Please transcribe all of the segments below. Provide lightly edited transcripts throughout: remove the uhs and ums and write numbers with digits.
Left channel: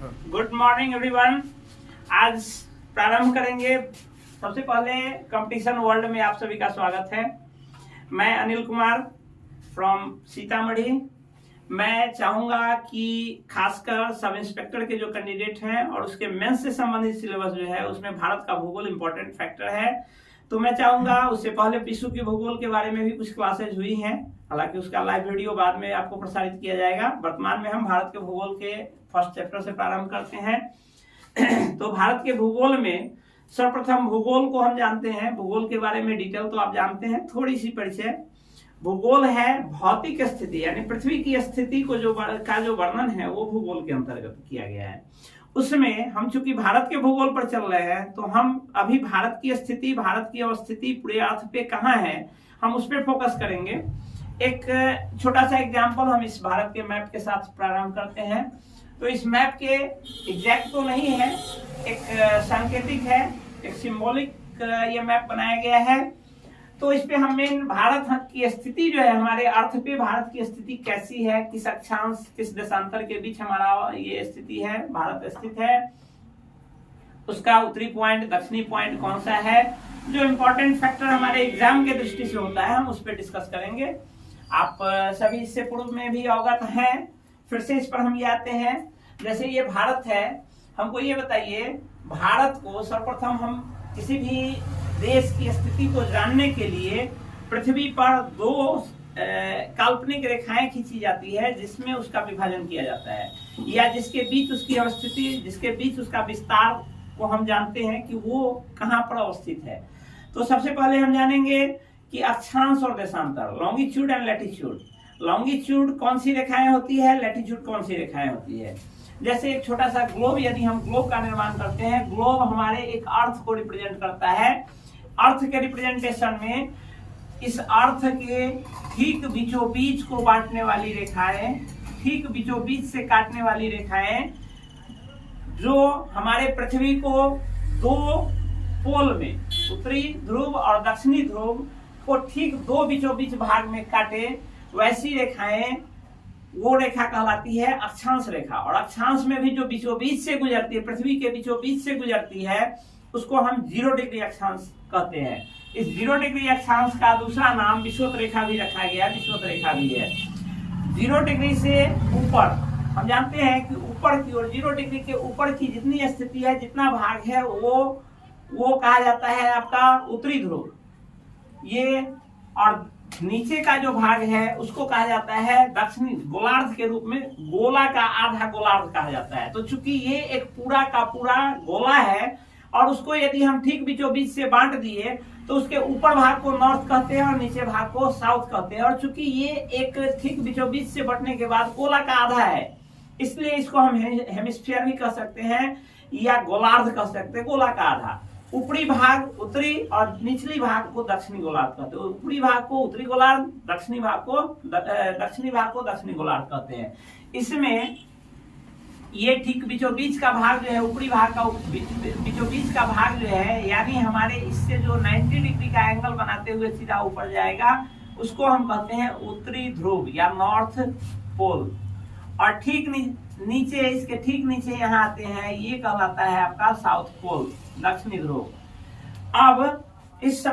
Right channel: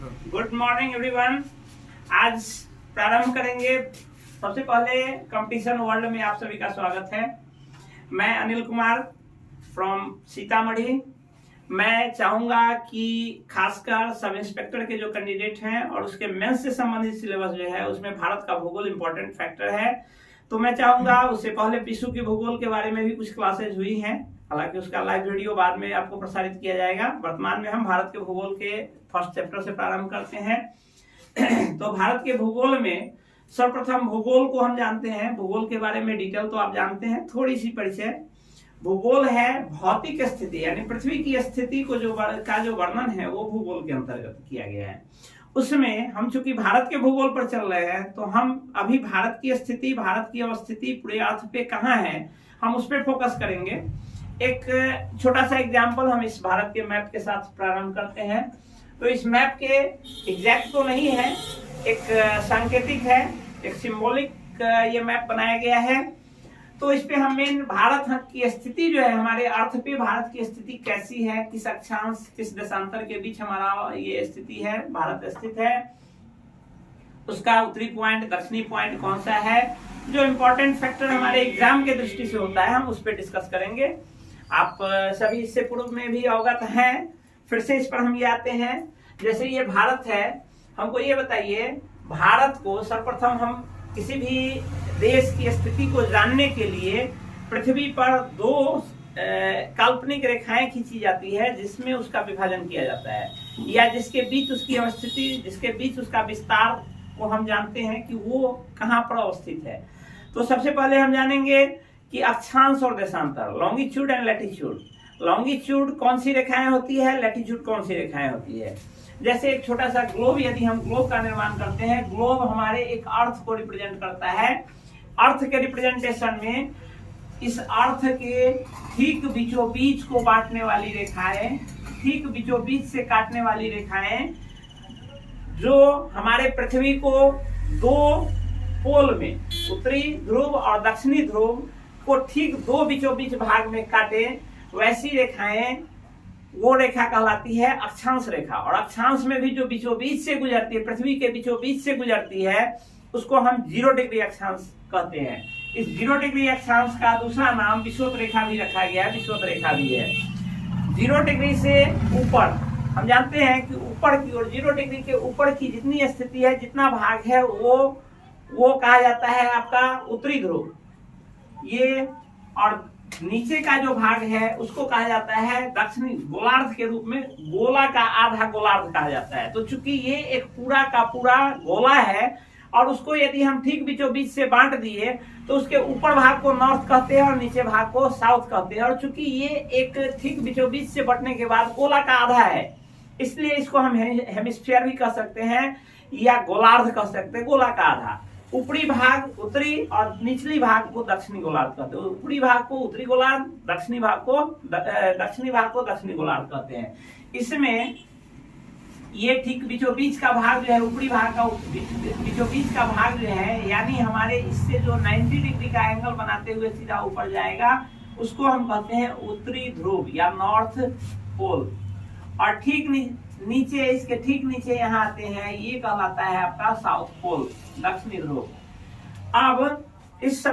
Good morning everyone. आज प्रारंभ करेंगे। सबसे पहले कंपटीशन वर्ल्ड में आप सभी का स्वागत है। मैं अनिल कुमार फ्रॉम सीतामढ़ी। मैं चाहूंगा कि खासकर सब इंस्पेक्टर के जो कैंडिडेट हैं और उसके मेंस से संबंधित सिलेबस जो है उसमें भारत का भूगोल इंपॉर्टेंट फैक्टर है, तो मैं चाहूंगा उससे पहले विश्व के भूगोल के बारे में भी कुछ क्लासेज हुई हैं, हालांकि उसका लाइव वीडियो बाद में आपको प्रसारित किया जाएगा। वर्तमान में हम भारत के भूगोल के फर्स्ट चैप्टर से प्रारंभ करते हैं। तो भारत के भूगोल में सर्वप्रथम भूगोल को हम जानते हैं। भूगोल के बारे में डिटेल तो आप जानते हैं, थोड़ी सी परिचय। भूगोल है भौतिक स्थिति, यानी पृथ्वी की स्थिति को जो वर्णन है वो भूगोल के अंतर्गत किया गया है। उसमें हम चूंकि भारत के भूगोल पर चल रहे हैं, तो हम अभी भारत की स्थिति, भारत की अवस्थिति पूरे अर्थ पे कहाँ है, हम उस पर फोकस करेंगे। एक छोटा सा एग्जाम्पल हम इस भारत के मैप के साथ प्रारंभ करते हैं। तो इस मैप के एग्जैक्ट तो नहीं है, एक सांकेतिक है, एक सिंबॉलिक ये मैप बनाया गया है। तो इस पे हम मेन भारत की स्थिति जो है, हमारे अर्थ पे भारत की स्थिति कैसी है, किस अक्षांश किस देशांतर के बीच हमारा ये स्थिति है, भारत स्थित है, उसका उत्तरी पॉइंट दक्षिणी पॉइंट कौन सा है, जो इम्पोर्टेंट फैक्टर हमारे एग्जाम के दृष्टि से होता है, हम उस पर डिस्कस करेंगे। आप सभी इससे पूर्व में भी अवगत हैं, फिर से इस पर हम ये आते हैं। जैसे ये भारत है, हमको ये बताइए, भारत को सर्वप्रथम हम किसी भी देश की स्थिति को जानने के लिए पृथ्वी पर दो काल्पनिक रेखाएं खींची जाती है, जिसमें उसका विभाजन किया जाता है, या जिसके बीच उसकी अवस्थिति, जिसके बीच उसका विस्तार को हम जानते हैं कि वो कहाँ पर अवस्थित है। तो सबसे पहले हम जानेंगे कि अक्षांश और देशांतर, लॉन्गिट्यूड एंड लैटिट्यूड। लॉन्गिट्यूड कौन सी रेखाएं होती है, लैटिट्यूड कौन सी रेखाएं होती है। जैसे एक छोटा सा ग्लोब, यदि हम ग्लोब का निर्माण करते हैं, ग्लोब हमारे एक अर्थ को रिप्रेजेंट करता है। अर्थ के रिप्रेजेंटेशन में इस अर्थ के ठीक बीचों बीच को बांटने वाली रेखाएं, ठीक बीचों बीच से काटने वाली रेखाएं, जो हमारे पृथ्वी को दो पोल में, उत्तरी ध्रुव और दक्षिणी ध्रुव को ठीक दो बीचों बीच भाग में काटे, वैसी रेखाएं, वो रेखा कहलाती है अक्षांश रेखा। और अक्षांश में भी जो बीचों बीच से गुजरती है, पृथ्वी के बीचों बीच से गुजरती है, उसको हम 0 डिग्री अक्षांश कहते हैं। इस 0 डिग्री अक्षांश का दूसरा नाम विषुवत रेखा भी रखा गया है, विषुवत रेखा भी है। 0 डिग्री से ऊपर हम जानते हैं कि ऊपर की ओर 0 डिग्री के ऊपर की जितनी स्थिति है, जितना भाग है, वो कहा जाता है आपका उत्तरी ध्रुव। ये और नीचे का जो भाग है उसको कहा जाता है दक्षिणी गोलार्ध के रूप में, गोला का आधा गोलार्ध कहा जाता है। तो चूंकि ये एक पूरा का पूरा गोला है और उसको यदि हम ठीक बीचों बीच से बांट दिए, तो उसके ऊपर भाग को नॉर्थ कहते हैं और नीचे भाग को साउथ कहते हैं। और चूंकि ये एक ठीक बीचों बीच से बंटने के बाद गोला का आधा है, इसलिए इसको हम हेमिस्फीयर भी कह सकते हैं या गोलार्ध कह सकते हैं, गोला का आधा। ऊपरी भाग उत्तरी और निचली भाग को दक्षिणी गोलार्ध कहते हैं। ऊपरी भाग को उत्तरी गोलार्ध, दक्षिणी भाग को दक्षिणी गोलार्ध कहते हैं। इसमें ये ठीक बीचों बीच का भाग जो है, ऊपरी भाग का बीचों बीच का भाग जो है, यानी हमारे इससे जो 90 डिग्री का एंगल बनाते हुए सीधा ऊपर जाएगा, उसको हम कहते हैं उत्तरी ध्रुव या नॉर्थ पोल। और ठीक नीचे, इसके ठीक नीचे यहाँ आते हैं, ये कहलाता है आपका साउथ पोल, दक्षिणी ध्रुव। अब इस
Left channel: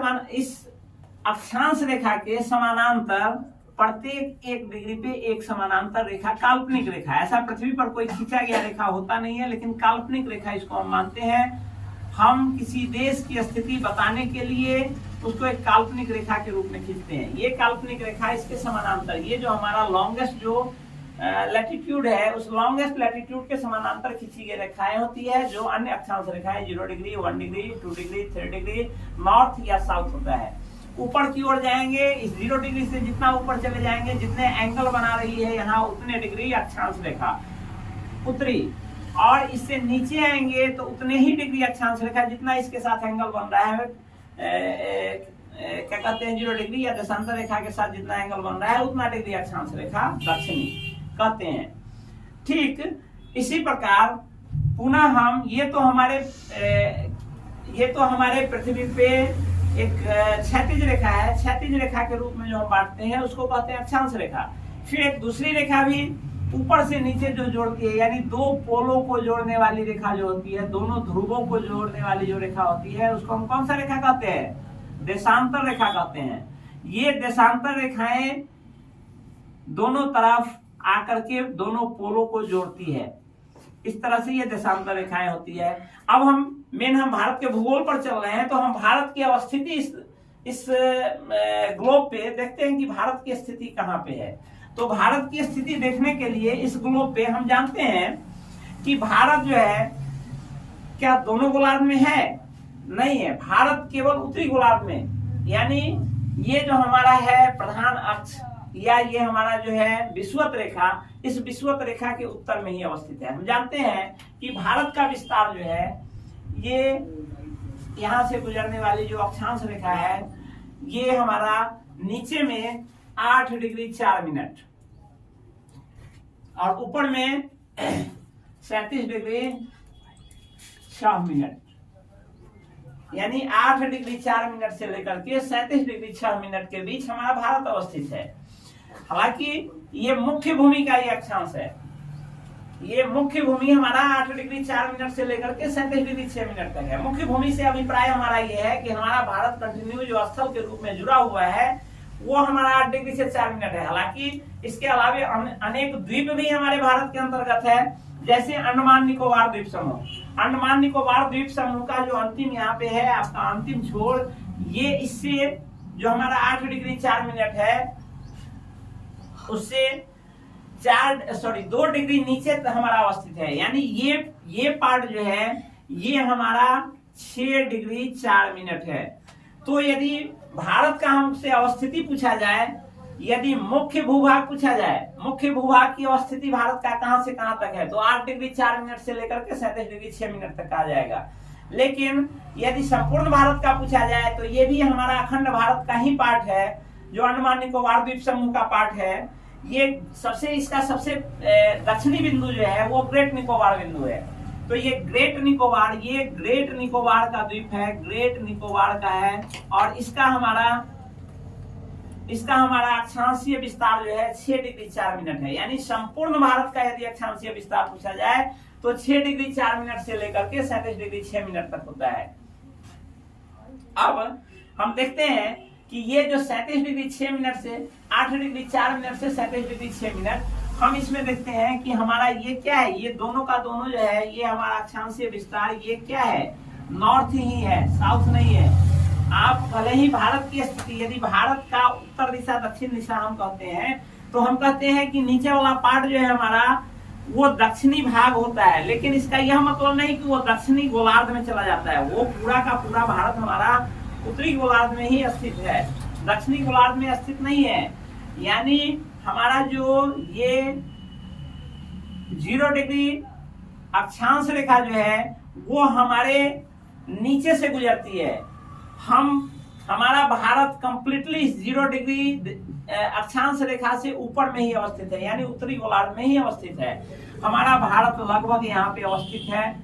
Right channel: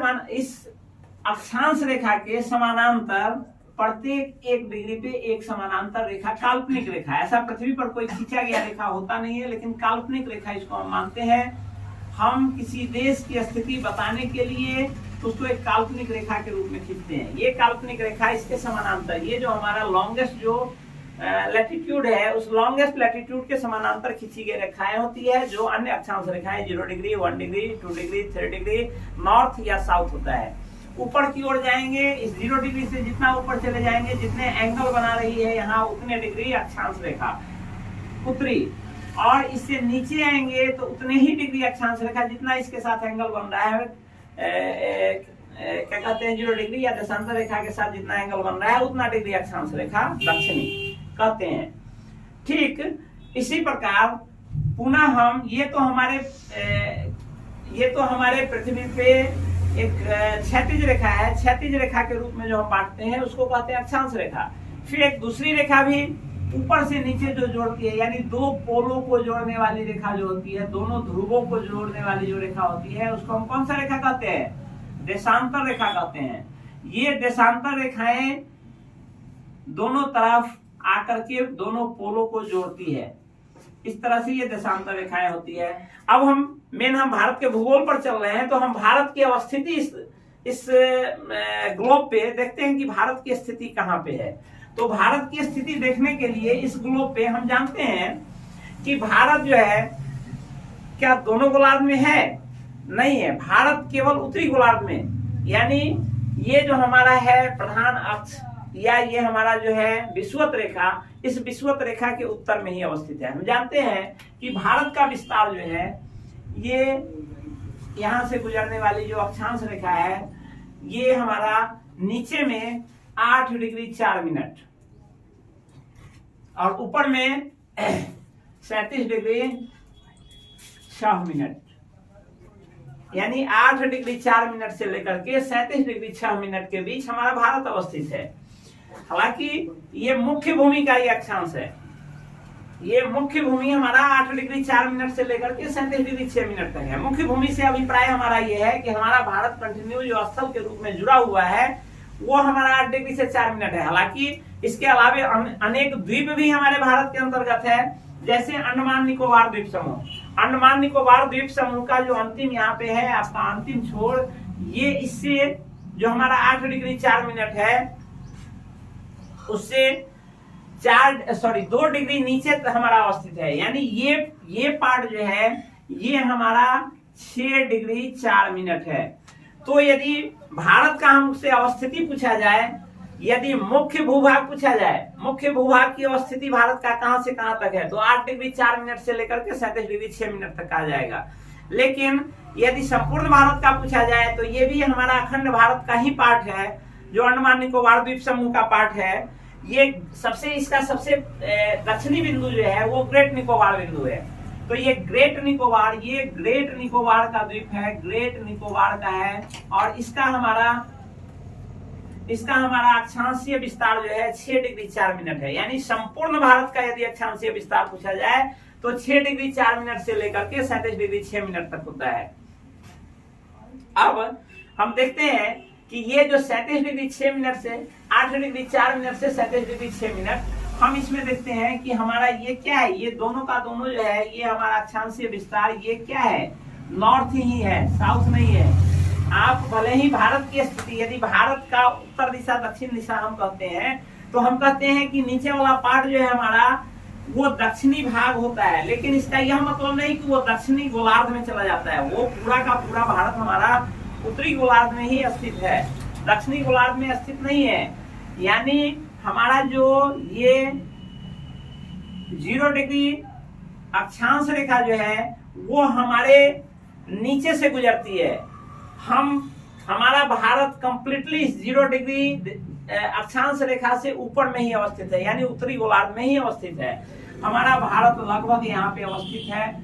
अक्षांश रेखा के समानांतर प्रत्येक 1 डिग्री पे एक समानांतर रेखा, काल्पनिक रेखा, ऐसा पृथ्वी पर कोई खींचा गया रेखा होता नहीं है, लेकिन काल्पनिक रेखा इसको हम मानते हैं। हम किसी देश की स्थिति बताने के लिए उसको एक काल्पनिक रेखा के रूप में खींचते हैं। ये काल्पनिक रेखा, इसके समानांतर, ये जो हमारा लॉन्गेस्ट जो लैटिट्यूड है, उस लॉन्गेस्ट लैटिट्यूड के समानांतर खींची गई रेखाएं होती है, जो अन्य अक्षांश रेखाएं 0 degree, 1 degree, 2 degree, 3 degree, north या साउथ होता है। ऊपर की ओर जाएंगे, इस 0 डिग्री से जितना ऊपर चले जाएंगे, जितने एंगल बना रही है यहाँ, उतने डिग्री अक्षांश रेखा उत्तरी। और इससे नीचे आएंगे तो उतने ही डिग्री अक्षांश रेखा, जितना इसके साथ एंगल बन रहा है, क्या कहते हैं, 0 डिग्री या देशांतर रेखा के साथ जितना एंगल बन रहा है, उतना डिग्री अक्षांश रेखा दक्षिणी कहते हैं। ठीक इसी प्रकार पुनः हम ये तो हमारे पृथ्वी पे एक क्षैतिज रेखा है, क्षैतिज रेखा के रूप में जो हम बांटते हैं उसको कहते हैं अक्षांश रेखा। फिर एक दूसरी रेखा भी ऊपर से नीचे जो जोड़ती है, यानी दो पोलों को जोड़ने वाली रेखा जो होती है, दोनों ध्रुवों को जोड़ने वाली जो रेखा होती है, उसको हम कौन सा रेखा कहते हैं? देशांतर रेखा कहते हैं। ये देशांतर रेखाएं दोनों तरफ आकर के दोनों पोलों को जोड़ती है। इस तरह से ये देशांतर रेखाएं होती है। अब हम भारत के भूगोल पर चल रहे हैं, तो हम भारत की अवस्थिति इस ग्लोब पे देखते हैं कि भारत की स्थिति कहाँ पे है। तो भारत की स्थिति देखने के लिए इस ग्लोब पे हम जानते हैं कि भारत जो है क्या दोनों गोलार्ध में है? नहीं है, भारत केवल उत्तरी गोलार्ध में, यानी ये जो हमारा है प्रधान अक्ष या ये हमारा जो है विषुवत रेखा, इस विषुवत रेखा के उत्तर में ही अवस्थित है। हम जानते हैं कि भारत का विस्तार जो है ये यहां से गुजरने वाली जो अक्षांश रेखा है, ये हमारा नीचे में 8 डिग्री 4 मिनट और ऊपर में 37 डिग्री 6 मिनट, यानी 8 डिग्री 4 मिनट से लेकर के 37 डिग्री 6 मिनट के बीच हमारा भारत अवस्थित है। हालांकि ये मुख्य भूमि का ही अक्षांश है। ये मुख्य भूमि हमारा 8 डिग्री 4 मिनट से लेकर के 37 डिग्री 6 मिनट तक है। मुख्य भूमि से अभिप्राय हमारा ये है कि हमारा भारत कंटिन्यू जो स्थल के रूप में जुड़ा हुआ है वो हमारा 8 डिग्री से 4 मिनट है। हालांकि इसके अलावे अनेक द्वीप भी हमारे भारत के अंतर्गत है, जैसे अंडमान निकोबार द्वीप समूह। अंडमान निकोबार द्वीप समूह का जो अंतिम यहाँ पे है आपका अंतिम छोर, ये इससे जो हमारा 8 डिग्री 4 मिनट है उससे 2 डिग्री नीचे हमारा अवस्थित है। यानी ये पार्ट जो है ये हमारा 6 डिग्री 4 मिनट है। तो यदि भारत का हमसे अवस्थिति पूछा जाए, यदि मुख्य भूभाग पूछा जाए, मुख्य भूभाग की अवस्थिति भारत का कहां से कहां तक है, तो 8 डिग्री 4 मिनट से लेकर के 37 डिग्री 6 मिनट तक आ जाएगा। लेकिन यदि संपूर्ण भारत का पूछा जाए तो ये भी हमारा अखंड भारत का ही पार्ट है, जो अंडमान निकोबार द्वीप समूह का पार्ट है। ये इसका सबसे दक्षिणी बिंदु जो है वो ग्रेट निकोबार बिंदु है। तो ये ग्रेट निकोबार का द्वीप है, ग्रेट निकोबार का है, और इसका हमारा अक्षांशीय विस्तार जो है 6 डिग्री 4 मिनट है। यानी संपूर्ण भारत का यदि अक्षांशीय विस्तार पूछा जाए तो 6 डिग्री 4 मिनट से लेकर के 37 डिग्री 6 मिनट तक होता है। अब हम देखते हैं कि ये जो 37 डिग्री 6 मिनट से 8 डिग्री 4 मिनट से 37 डिग्री 6 मिनट, हम इसमें देखते हैं कि हमारा ये क्या है, ये दोनों का दोनों जो है ये हमारा अक्षांशीय विस्तार ये क्या है, नॉर्थ ही है, साउथ नहीं है। आप भले ही भारत की स्थिति, यदि भारत का उत्तर दिशा दक्षिण दिशा हम कहते हैं, तो हम कहते हैं कि नीचे वाला पार्ट जो है हमारा वो दक्षिणी भाग होता है, लेकिन इसका यह मतलब नहीं कि वो दक्षिणी गोलार्ध में चला जाता है। वो पूरा का पूरा भारत हमारा उत्तरी गोलार्ध में ही स्थित है, दक्षिणी गोलार्ध में स्थित नहीं है। यानी हमारा जो ये 0 डिग्री अक्षांश रेखा जो है वो हमारे नीचे से गुजरती है। हमारा भारत कंप्लीटली 0 डिग्री अक्षांश रेखा से ऊपर में ही अवस्थित है, यानी उत्तरी गोलार्ध में ही अवस्थित है। हमारा भारत लगभग यहाँ पे अवस्थित है,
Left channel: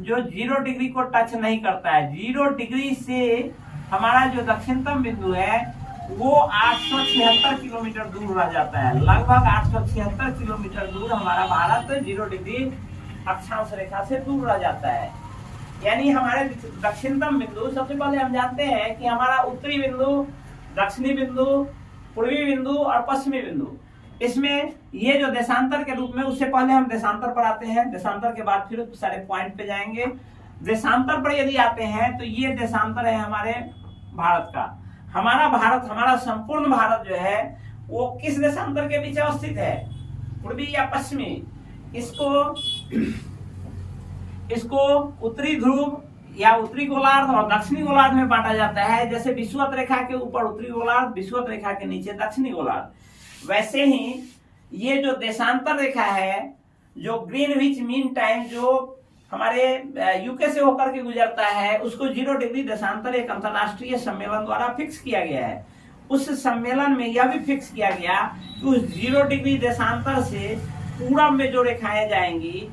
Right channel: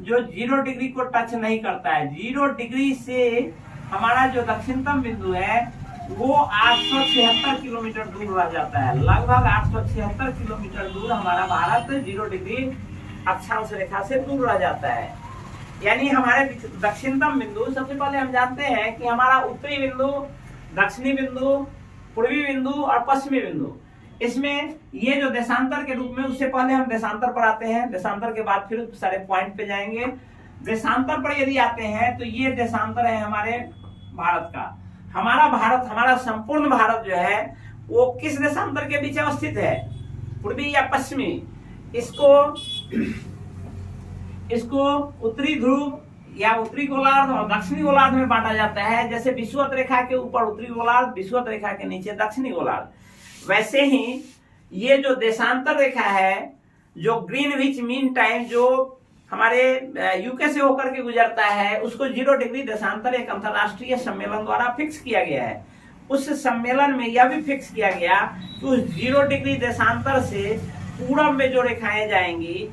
जो 0 डिग्री को टच नहीं करता है। 0 डिग्री से हमारा जो दक्षिणतम बिंदु है वो 876 किलोमीटर दूर रह जाता है। लगभग 876 किलोमीटर दूर हमारा भारत 0 डिग्री अक्षांश रेखा से दूर रह जाता है। यानी हमारे दक्षिणतम बिंदु, सबसे पहले हम जानते हैं कि हमारा उत्तरी बिंदु, दक्षिणी बिंदु, पूर्वी बिंदु और पश्चिमी बिंदु, इसमें ये जो देशांतर के रूप में, उससे पहले हम देशांतर पर आते हैं, देशांतर के बाद फिर सारे पॉइंट पे जाएंगे। देशांतर पर यदि आते हैं तो ये देशांतर है हमारे भारत का। हमारा संपूर्ण भारत जो है वो किस देशांतर के बीच अवस्थित है, पूर्वी या पश्चिमी? इसको उत्तरी ध्रुव या उत्तरी गोलार्ध और दक्षिणी गोलार्ध में बांटा जाता है। जैसे विषुवत रेखा के ऊपर उत्तरी गोलार्ध, विषुवत रेखा के नीचे दक्षिणी गोलार्ध। वैसे ही ये जो देशांतर रेखा है, जो ग्रीनविच मीन टाइम जो हमारे यूके से होकर के गुजरता है, उसको 0 डिग्री देशांतर एक अंतरराष्ट्रीय सम्मेलन द्वारा फिक्स किया गया है। उस सम्मेलन में यह भी फिक्स किया गया कि उस 0 डिग्री देशांतर से पूरब में जो रेखाएं जाएंगी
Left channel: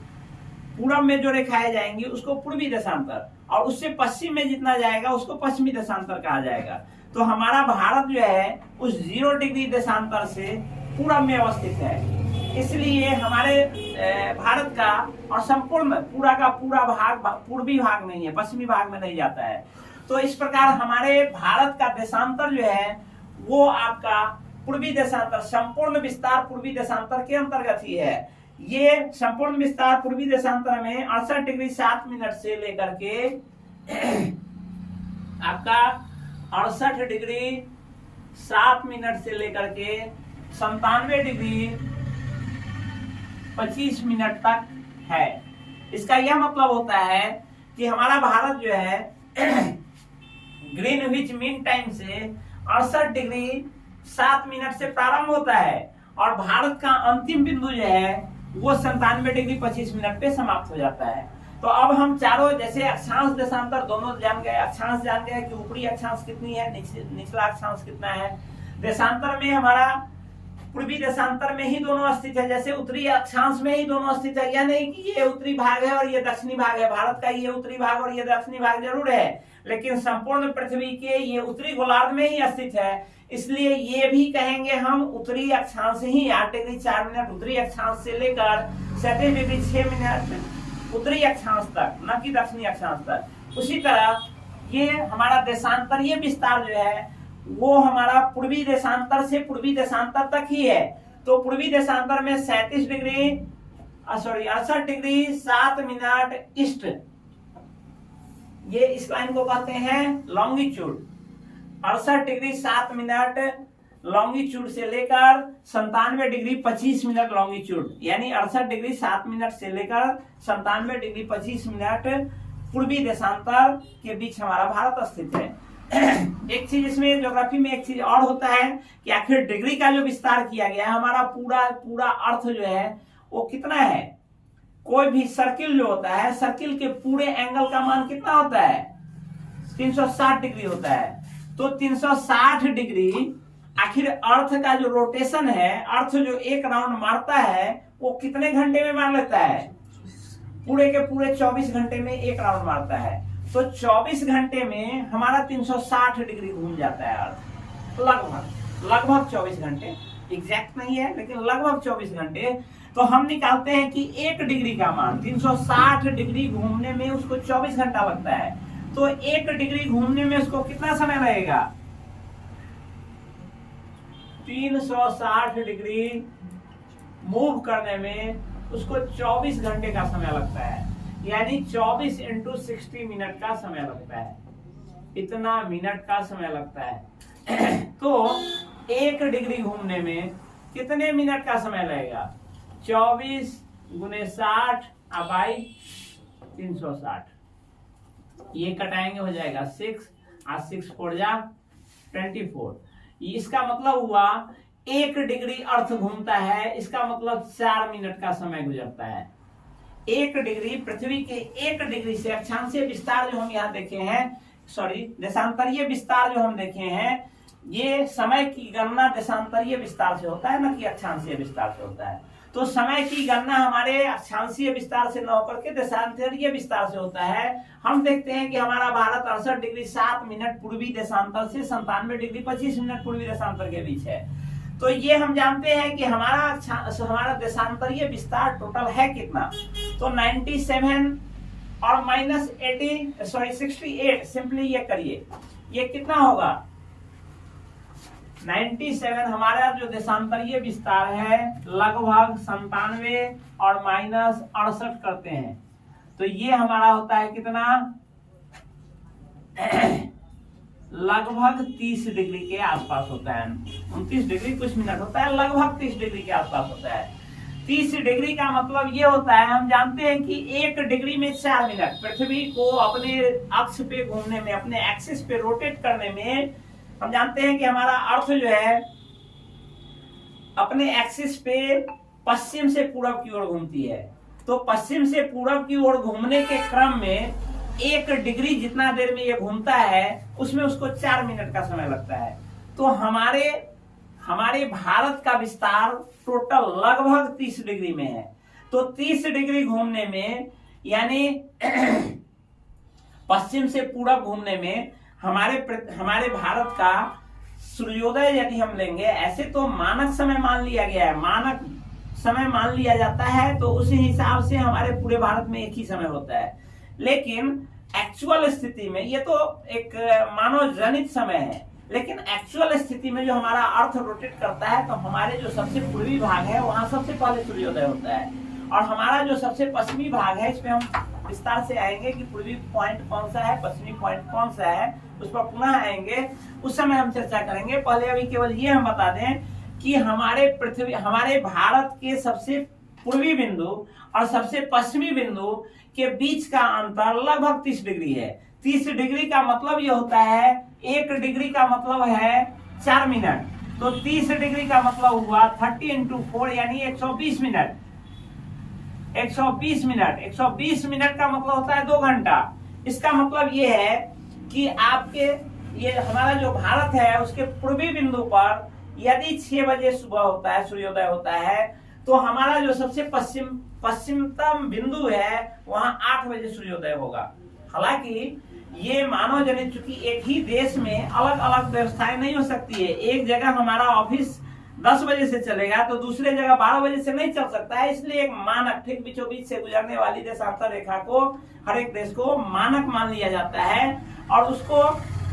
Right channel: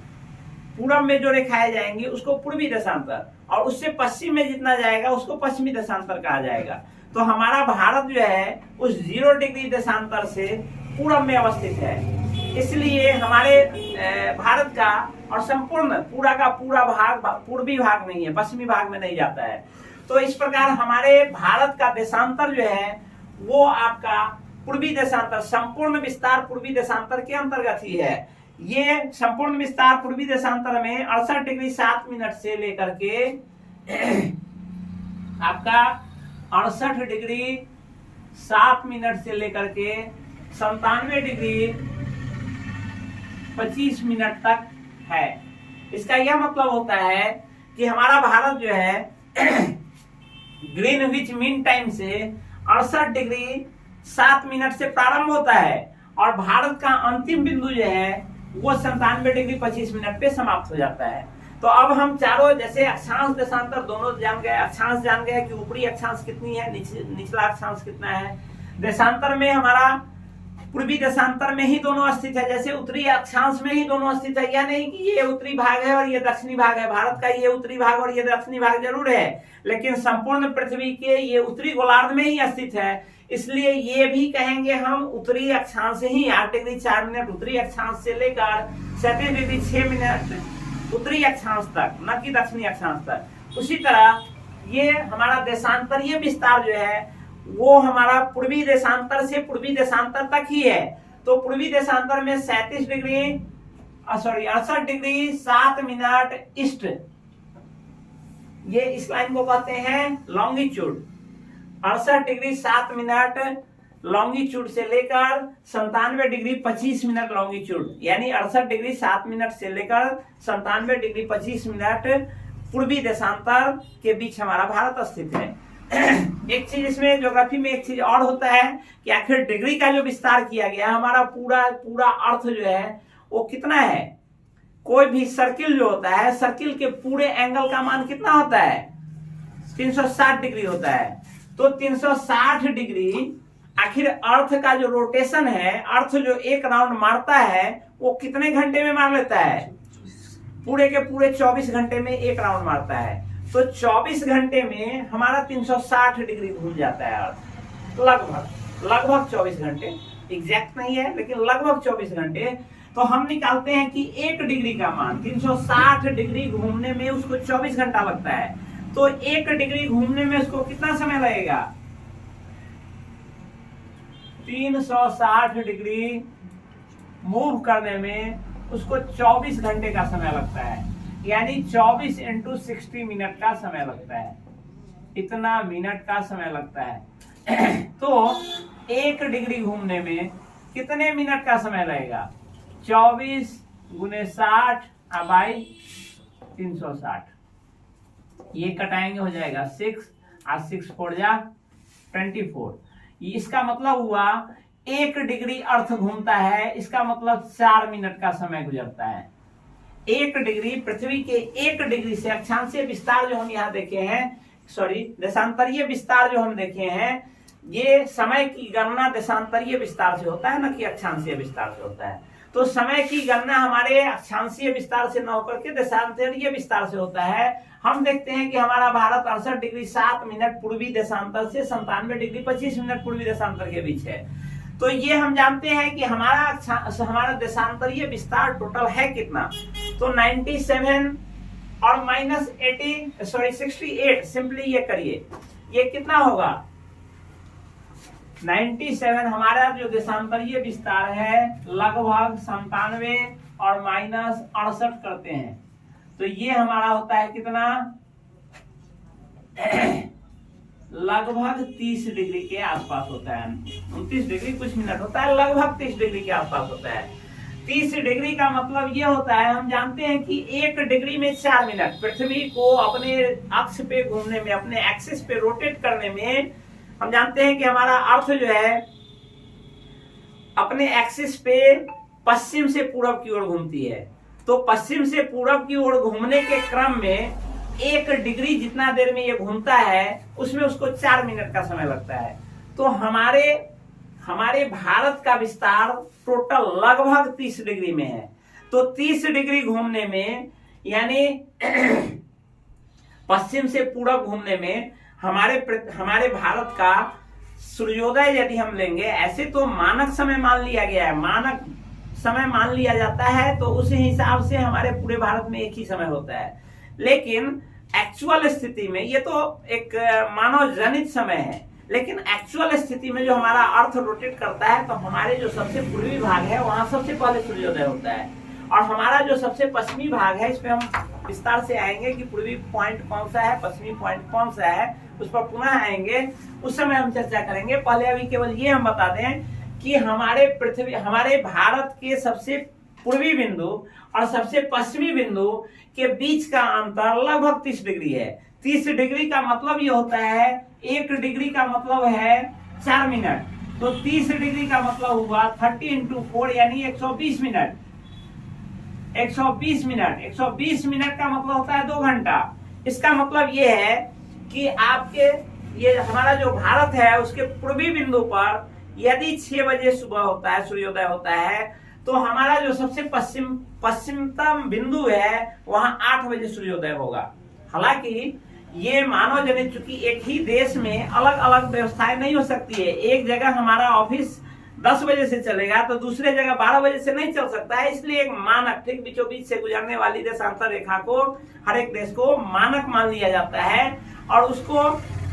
उसको पूर्वी देशांतर, और उससे पश्चिम में जितना जाएगा उसको पश्चिमी देशांतर कहा जाएगा। तो हमारा भारत जो है उस 0 डिग्री देशांतर से पूरब में अवस्थित है। इसलिए हमारे भारत का और संपूर्ण पूरा का पूरा भाग पूर्वी भाग नहीं है, पश्चिमी भाग में नहीं जाता है। तो इस प्रकार हमारे भारत का देशांतर जो है वो आपका पूर्वी देशांतर, संपूर्ण विस्तार पूर्वी देशांतर के अंतर्गत ही है। ये संपूर्ण विस्तार पूर्वी देशांतर में 68 डिग्री 7 मिनट से लेकर के आपका 68 डिग्री 7 मिनट से लेकर के 97 डिग्री 25 मिनट तक है। इसका यह मतलब होता है कि हमारा भारत जो है ग्रीनविच मीन टाइम से 68 डिग्री 7 मिनट से प्रारंभ होता है और भारत का अंतिम बिंदु जो है वो 97 डिग्री 25 मिनट पे समाप्त हो जाता है। तो अब हम चारों जैसे अक्षांश देशांतर दोनों जान गए, अक्षांश जान गए कि ऊपरी अक्षांश कितनी है, निचला अक्षांश कितना है। देशांतर में हमारा पूर्वी देशांतर में ही दोनों स्थित है, जैसे उत्तरी अक्षांश में ही दोनों स्थित है। यह नहीं कि ये उत्तरी भाग है और ये दक्षिणी भाग है, भारत का ये उत्तरी भाग और ये दक्षिणी भाग जरूर है, लेकिन संपूर्ण पृथ्वी के ये उत्तरी गोलार्ध में ही स्थित है। इसलिए ये भी कहेंगे हम उत्तरी अक्षांश ही 8 डिग्री 4 मिनट उत्तरी अक्षांश से लेकर 37 डिग्री 6 मिनट उत्तरी अक्षांश तक, न कि दक्षिणी अक्षांश तक। उसी तरह ये हमारा देशांतरीय विस्तार जो है वो हमारा पूर्वी देशांतर से पूर्वी देशांतर तक ही है। तो पूर्वी देशांतर में 68 डिग्री 7 मिनट ईस्ट, ये इस लाइन को कहते हैं लॉन्गिट्यूड। 68 डिग्री 7 मिनट लॉन्गिट्यूड से लेकर 97 डिग्री 25 मिनट लॉन्गिट्यूड, यानी 68 डिग्री 7 मिनट से लेकर 97 डिग्री 25 मिनट पूर्वी देशांतर के बीच हमारा भारत स्थित है। एक चीज इसमें ज्योग्राफी में एक चीज और होता है कि आखिर डिग्री का जो विस्तार किया गया हमारा पूरा अर्थ जो है वो कितना है। कोई भी सर्किल जो होता है, सर्किल के पूरे एंगल का मान कितना होता है, 360 डिग्री होता है। तो 360 डिग्री आखिर अर्थ का जो रोटेशन है, अर्थ जो एक राउंड मारता है वो कितने घंटे में मार लेता है, पूरे के पूरे 24 घंटे में एक राउंड मारता है। तो 24 घंटे में हमारा 360 डिग्री घूम जाता है अर्थ, लगभग 24 घंटे, एग्जैक्ट नहीं है लेकिन लगभग 24 घंटे। तो हम निकालते हैं कि 1 डिग्री का मान 360 डिग्री घूमने में उसको 24 घंटा लगता है। तो 1 डिग्री घूमने में उसको कितना समय लगेगा, 360 डिग्री मूव करने में उसको 24 घंटे का समय लगता है, यानी 24 × 60 मिनट का समय लगता है, इतना मिनट का समय लगता है। तो 1 डिग्री घूमने में कितने मिनट का समय लगेगा, 24 × 60 बाई 360, ये कटाएंगे हो जाएगा 6 और 6 4 जा 24। इसका मतलब हुआ 1 डिग्री अर्थ घूमता है, इसका मतलब 4 मिनट का समय गुजरता है। 1 डिग्री पृथ्वी के 1 डिग्री से अक्षांशीय विस्तार जो हम यहाँ देखे हैं, देशांतरीय विस्तार जो हम देखे हैं, ये समय की गणना देशांतरीय विस्तार से होता है, न कि अक्षांशीय विस्तार से होता है। तो समय की गणना हमारे अक्षांशीय विस्तार से न होकर के देशांतरीय विस्तार से होता है। हम देखते हैं कि हमारा भारत 68 डिग्री 7 मिनट पूर्वी देशांतर से 97 डिग्री 25 मिनट पूर्वी देशांतर के बीच है। तो ये हम जानते हैं कि हमारा देशांतरीय विस्तार टोटल है कितना, तो 97 और -68, सिंपली ये करिए, ये कितना होगा 97 हमारा जो देशांतरीय विस्तार है लगभग 97 और -68 करते हैं, तो ये हमारा होता है कितना लगभग 30 डिग्री के आसपास होता है। 29 डिग्री कुछ मिनट होता है, लगभग 30 डिग्री के आसपास होता है। 30 डिग्री का मतलब ये होता है, हम जानते हैं कि 1 डिग्री में 4 मिनट, पृथ्वी को अपने अक्ष पे घूमने में, अपने एक्सिस पे रोटेट करने में, हम जानते हैं कि हमारा अर्थ जो है अपने एक्सिस पे पश्चिम से पूरब की ओर घूमती है। तो पश्चिम से पूरब की ओर घूमने के क्रम में 1 डिग्री जितना देर में ये घूमता है उसमें उसको 4 मिनट का समय लगता है। तो हमारे भारत का विस्तार टोटल लगभग 30 डिग्री में है। तो 30 डिग्री घूमने में यानी पश्चिम से पूरब घूमने में हमारे भारत का सूर्योदय यदि हम लेंगे, ऐसे तो मानक समय मान लिया गया है, मानक समय मान लिया जाता है, तो उस हिसाब से हमारे पूरे भारत में एक ही समय होता है। लेकिन एक्चुअल स्थिति में ये तो एक मानव जनित समय है, लेकिन एक्चुअल स्थिति में जो हमारा अर्थ रोटेट करता है, तो हमारे जो सबसे पूर्वी भाग है वहां सबसे पहले सूर्योदय होता है, और हमारा जो सबसे पश्चिमी भाग है, इसमें हम विस्तार से आएंगे कि पूर्वी पॉइंट कौन सा है, पश्चिमी पॉइंट कौन सा है, उस पर पुनः आएंगे, उस समय हम चर्चा करेंगे। पहले अभी केवल ये हम बता दें कि हमारे भारत के सबसे पूर्वी बिंदु और सबसे पश्चिमी बिंदु के बीच का अंतर लगभग 30 डिग्री है। 30 डिग्री का मतलब ये होता है, 1 डिग्री का मतलब है 4 मिनट, तो 30 डिग्री का मतलब हुआ 30 × 4 यानी 120 मिनट। 120 मिनट 120 मिनट का मतलब होता है 2 घंटा। इसका मतलब ये है कि आपके ये हमारा जो भारत है उसके पूर्वी बिंदु पर यदि 6 बजे सुबह होता है, सूर्योदय होता है, तो हमारा जो सबसे पश्चिमतम बिंदु है वहां 8 बजे सूर्योदय होगा। हालांकि ये मानव जनित, चूंकि एक ही देश में अलग अलग व्यवस्थाएं नहीं हो सकती है। एक जगह हमारा ऑफिस 10 बजे से चलेगा तो दूसरे जगह 12 बजे से नहीं चल सकता है, इसलिए एक मानक ठीक बीचों बीच से गुजरने वाली देशांतर रेखा को हर एक देश को मानक मान लिया जाता है और उसको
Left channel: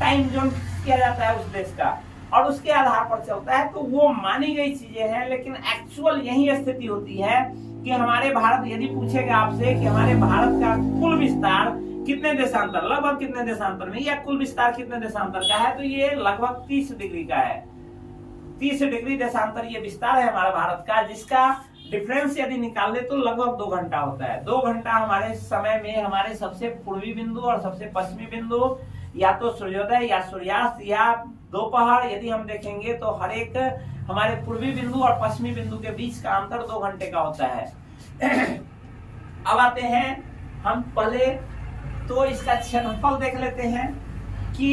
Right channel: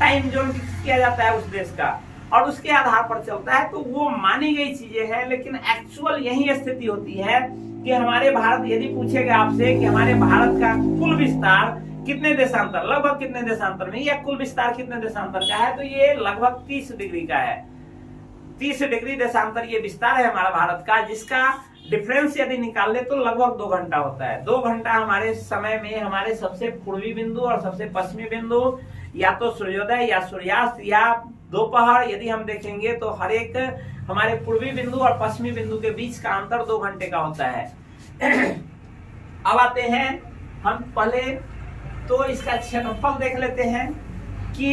टाइम जोन फिक्स किया जाता है उस देश का, और उसके आधार पर चलता है। तो वो मानी गई चीजें हैं, लेकिन एक्चुअल यही स्थिति होती है कि हमारे भारत, यदि पूछेगा आपसे कि हमारे भारत का कुल विस्तार कितने देशांतर, लगभग कितने देशांतर में, या कुल विस्तार कितने देशांतर का है, तो ये लगभग 30 डिग्री का है। 30 डिग्री देशांतर ये विस्तार है हमारा भारत का, जिसका डिफरेंस यदि निकाल ले तो लगभग 2 घंटा होता है। 2 घंटा हमारे समय में हमारे सबसे पूर्वी बिंदु और सबसे पश्चिमी बिंदु, या तो सूर्योदय या सूर्यास्त या दोपहर, यदि हम देखेंगे तो हर एक हमारे पूर्वी बिंदु और पश्चिमी बिंदु के बीच का अंतर 2 घंटे का होता है। अब आते हैं हम पहले तो इसका क्षेत्रफल देख लेते हैं कि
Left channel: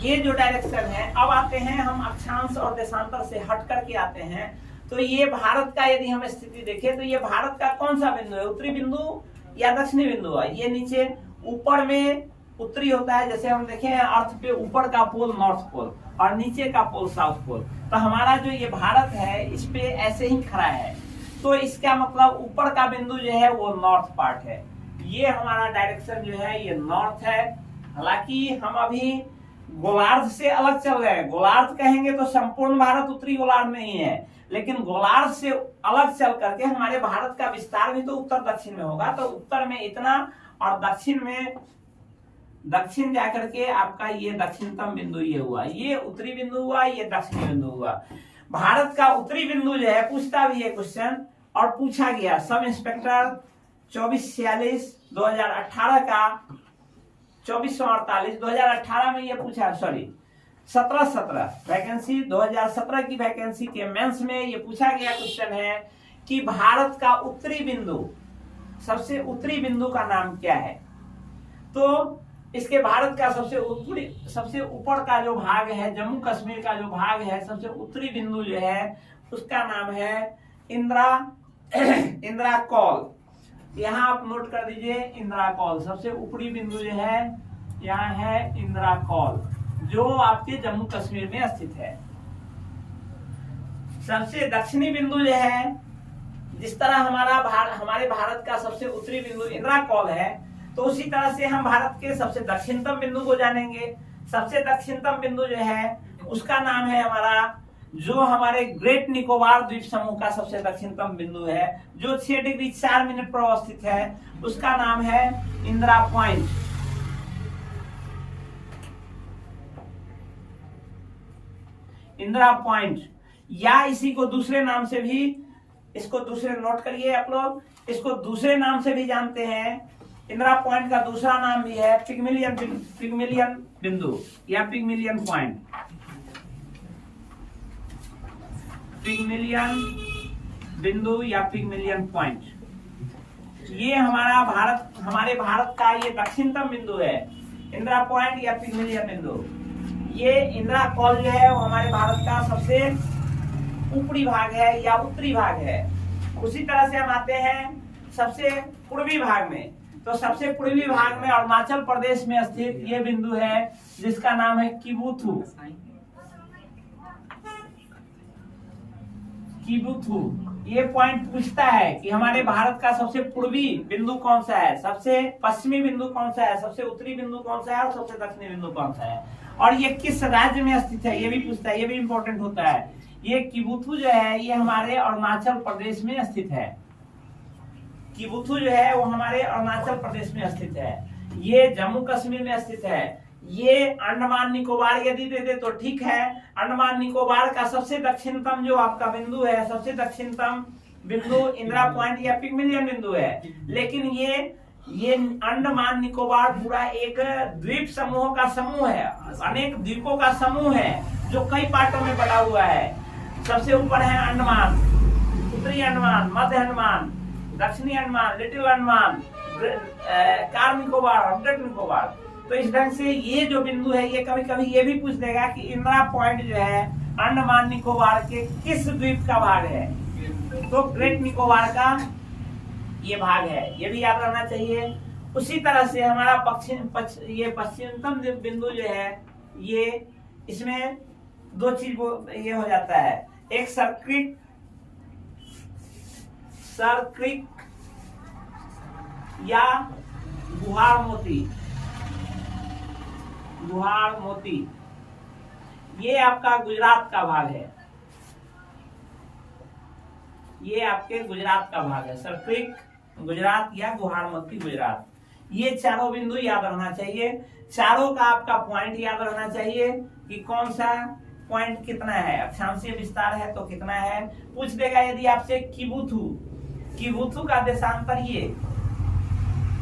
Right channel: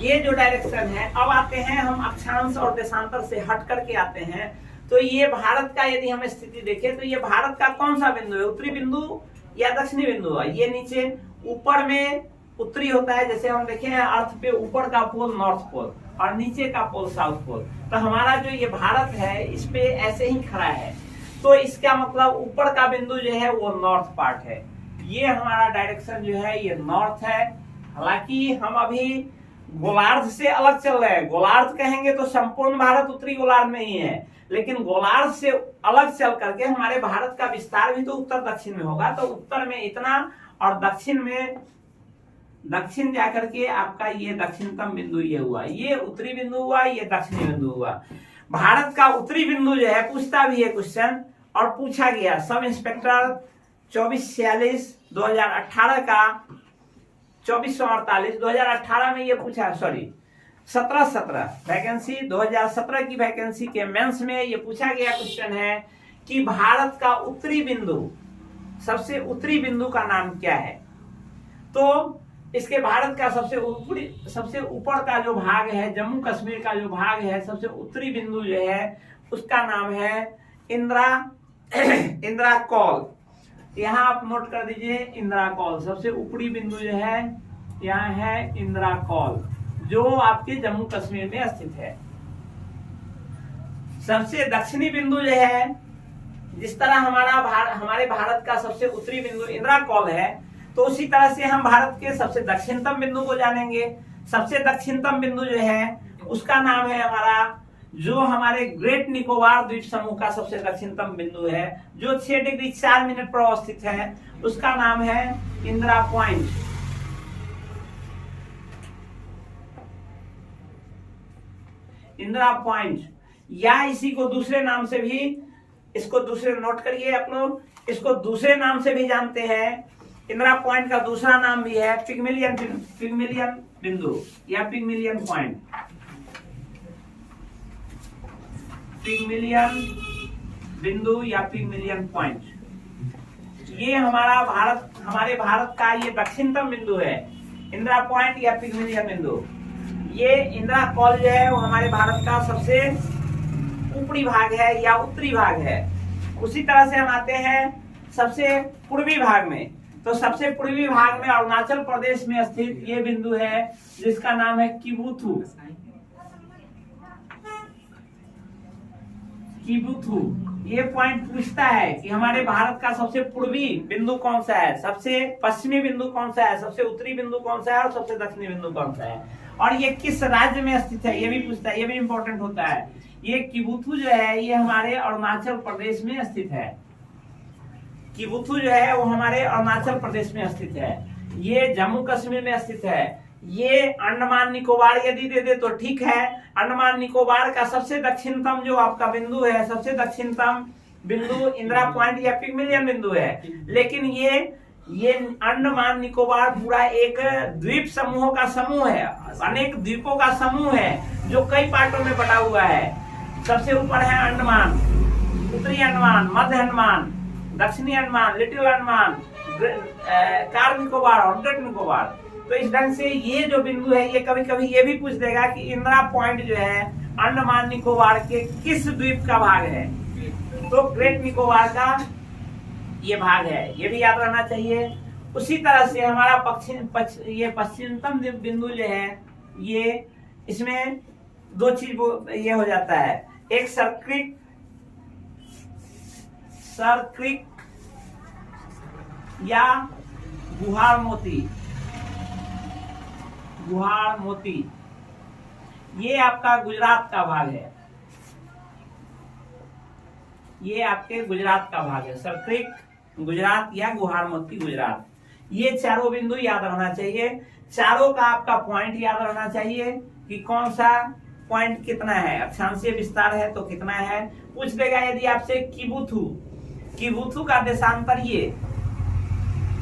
ये जो डायरेक्शन है। अब आते हैं हम अक्षांश और देशांतर से हट करके आते हैं, तो ये भारत का यदि हम स्थिति देखें तो ये भारत का कौन सा बिंदु है, उत्तरी बिंदु या दक्षिणी बिंदु है। ये नीचे ऊपर में उत्तरी होता है, जैसे हम देखें अर्थ पे ऊपर का पोल नॉर्थ पोल और नीचे का पोल साउथ पोल, तो हमारा जो ये भारत है इस पे ऐसे ही खड़ा है, तो इसका मतलब ऊपर का बिंदु जो है वो नॉर्थ पार्ट है। ये हमारा डायरेक्शन जो है ये नॉर्थ है। हालांकि हम अभी गोलार्ध से अलग चल रहे हैं, गोलार्ध कहेंगे तो संपूर्ण भारत उत्तरी गोलार्ध में ही है, लेकिन गोलार्ध से अलग चल करके हमारे भारत का विस्तार भी तो उत्तर दक्षिण में होगा, तो उत्तर में इतना और दक्षिण में, दक्षिण जाकर के आपका ये दक्षिणतम बिंदु ये हुआ, ये उत्तरी बिंदु हुआ, ये दक्षिणी बिंदु हुआ। भारत का उत्तरी बिंदु जो है पूछता भी है क्वेश्चन, और पूछा गया सब इंस्पेक्टर 2446 2018 का 2448 2018 में ये पूछा, सॉरी 17 वैकेंसी 2017 की वैकेंसी के मेंस में ये पूछा गया क्वेश्चन है कि भारत का उत्तरी बिंदु, सबसे उत्तरी बिंदु का नाम क्या है। तो इसके भारत का सबसे ऊपर का जो भाग है, जम्मू कश्मीर का जो भाग है, सबसे उत्तरी बिंदु जो है उसका नाम है इंदिरा कॉल। यहाँ आप नोट कर दीजिए इंदिरा कॉल, सबसे ऊपरी बिंदु जो है यहाँ है इंदिरा कॉल, जो आपके जम्मू कश्मीर में स्थित है। सबसे दक्षिणी बिंदु जो है, जिस तरह हमारे भारत का सबसे उत्तरी बिंदु इंदिरा कॉल है, तो उसी तरह से हम भारत के सबसे दक्षिणतम बिंदु को जानेंगे। सबसे दक्षिणतम बिंदु जो है उसका नाम है हमारा, जो हमारे ग्रेट निकोबार द्वीप समूह का सबसे दक्षिणतम बिंदु है, जो 6 डिग्री 4 मिनट पर अवस्थित है, उसका नाम है इंदिरा पॉइंट। इंदिरा पॉइंट, या इसी को दूसरे नाम से भी, इसको दूसरे नोट करिए आप लोग, इसको दूसरे नाम से भी जानते हैं। इंदिरा पॉइंट का दूसरा नाम भी है पिग्मेलियन बिंदु या पिग्मेलियन पॉइंट, पिग्मेलियन बिंदु या पिग्मेलियन पॉइंट। ये हमारे भारत का ये दक्षिणतम बिंदु है, इंदिरा पॉइंट या पिग्मेलियन बिंदु। ये इंदिरा कॉल जो है वो हमारे भारत का सबसे ऊपरी भाग है या उत्तरी भाग है। उसी तरह से हम आते हैं सबसे पूर्वी भाग में, तो सबसे पूर्वी भाग में अरुणाचल प्रदेश में स्थित ये बिंदु है जिसका नाम है किबुथु। किबुथु ये पॉइंट पूछता है कि हमारे भारत का सबसे पूर्वी बिंदु कौन सा है, सबसे पश्चिमी बिंदु कौन सा है, सबसे उत्तरी बिंदु कौन सा है और सबसे दक्षिणी बिंदु कौन सा है, और ये किस राज्य में स्थित है, ये भी पूछता है। ये भी इंपॉर्टेंट होता है। ये किबुथु जो है ये हमारे अरुणाचल प्रदेश में स्थित है। किबुथु जो है वो हमारे अरुणाचल प्रदेश में स्थित है। ये जम्मू कश्मीर में स्थित है। ये अंडमान निकोबार यदि दे दे तो ठीक है। अंडमान निकोबार का सबसे दक्षिणतम जो आपका बिंदु है, सबसे दक्षिणतम बिंदु इंदिरा पॉइंट या पिगमिलियन बिंदु है। लेकिन ये अंडमान निकोबार पूरा एक द्वीप समूहों का समूह है, अनेक द्वीपों का समूह है जो कई पार्टों में बटा हुआ है। सबसे ऊपर है अंडमान, उत्तरी अंडमान, मध्य अंडमान, दक्षिणी अंडमान, लिटिल अंडमान, कार निकोबार और ग्रेट निकोबार। तो इस ढंग से ये जो बिंदु है ये कभी कभी ये भी पूछ देगा कि इंदिरा पॉइंट जो है अंडमान निकोबार के किस द्वीप का भाग है, तो ग्रेट निकोबार का ये भाग है, ये भी याद रहना चाहिए। उसी तरह से हमारा पश्चिमतम बिंदु जो है ये इसमें दो चीज ये हो जाता है, एक सर्क्रिक या गुहार मोती, ये आपका गुजरात का भाग है। ये आपके गुजरात का भाग है, सर्क्रिक गुजरात या गुहार मोती गुजरात। ये चारों बिंदु याद रखना चाहिए। चारों का आपका पॉइंट याद रखना चाहिए कि कौन सा पॉइंट कितना है, अक्षांशीय विस्तार है तो कितना है। पूछ देगा यदि आपसे किबुथु का देशांतर ये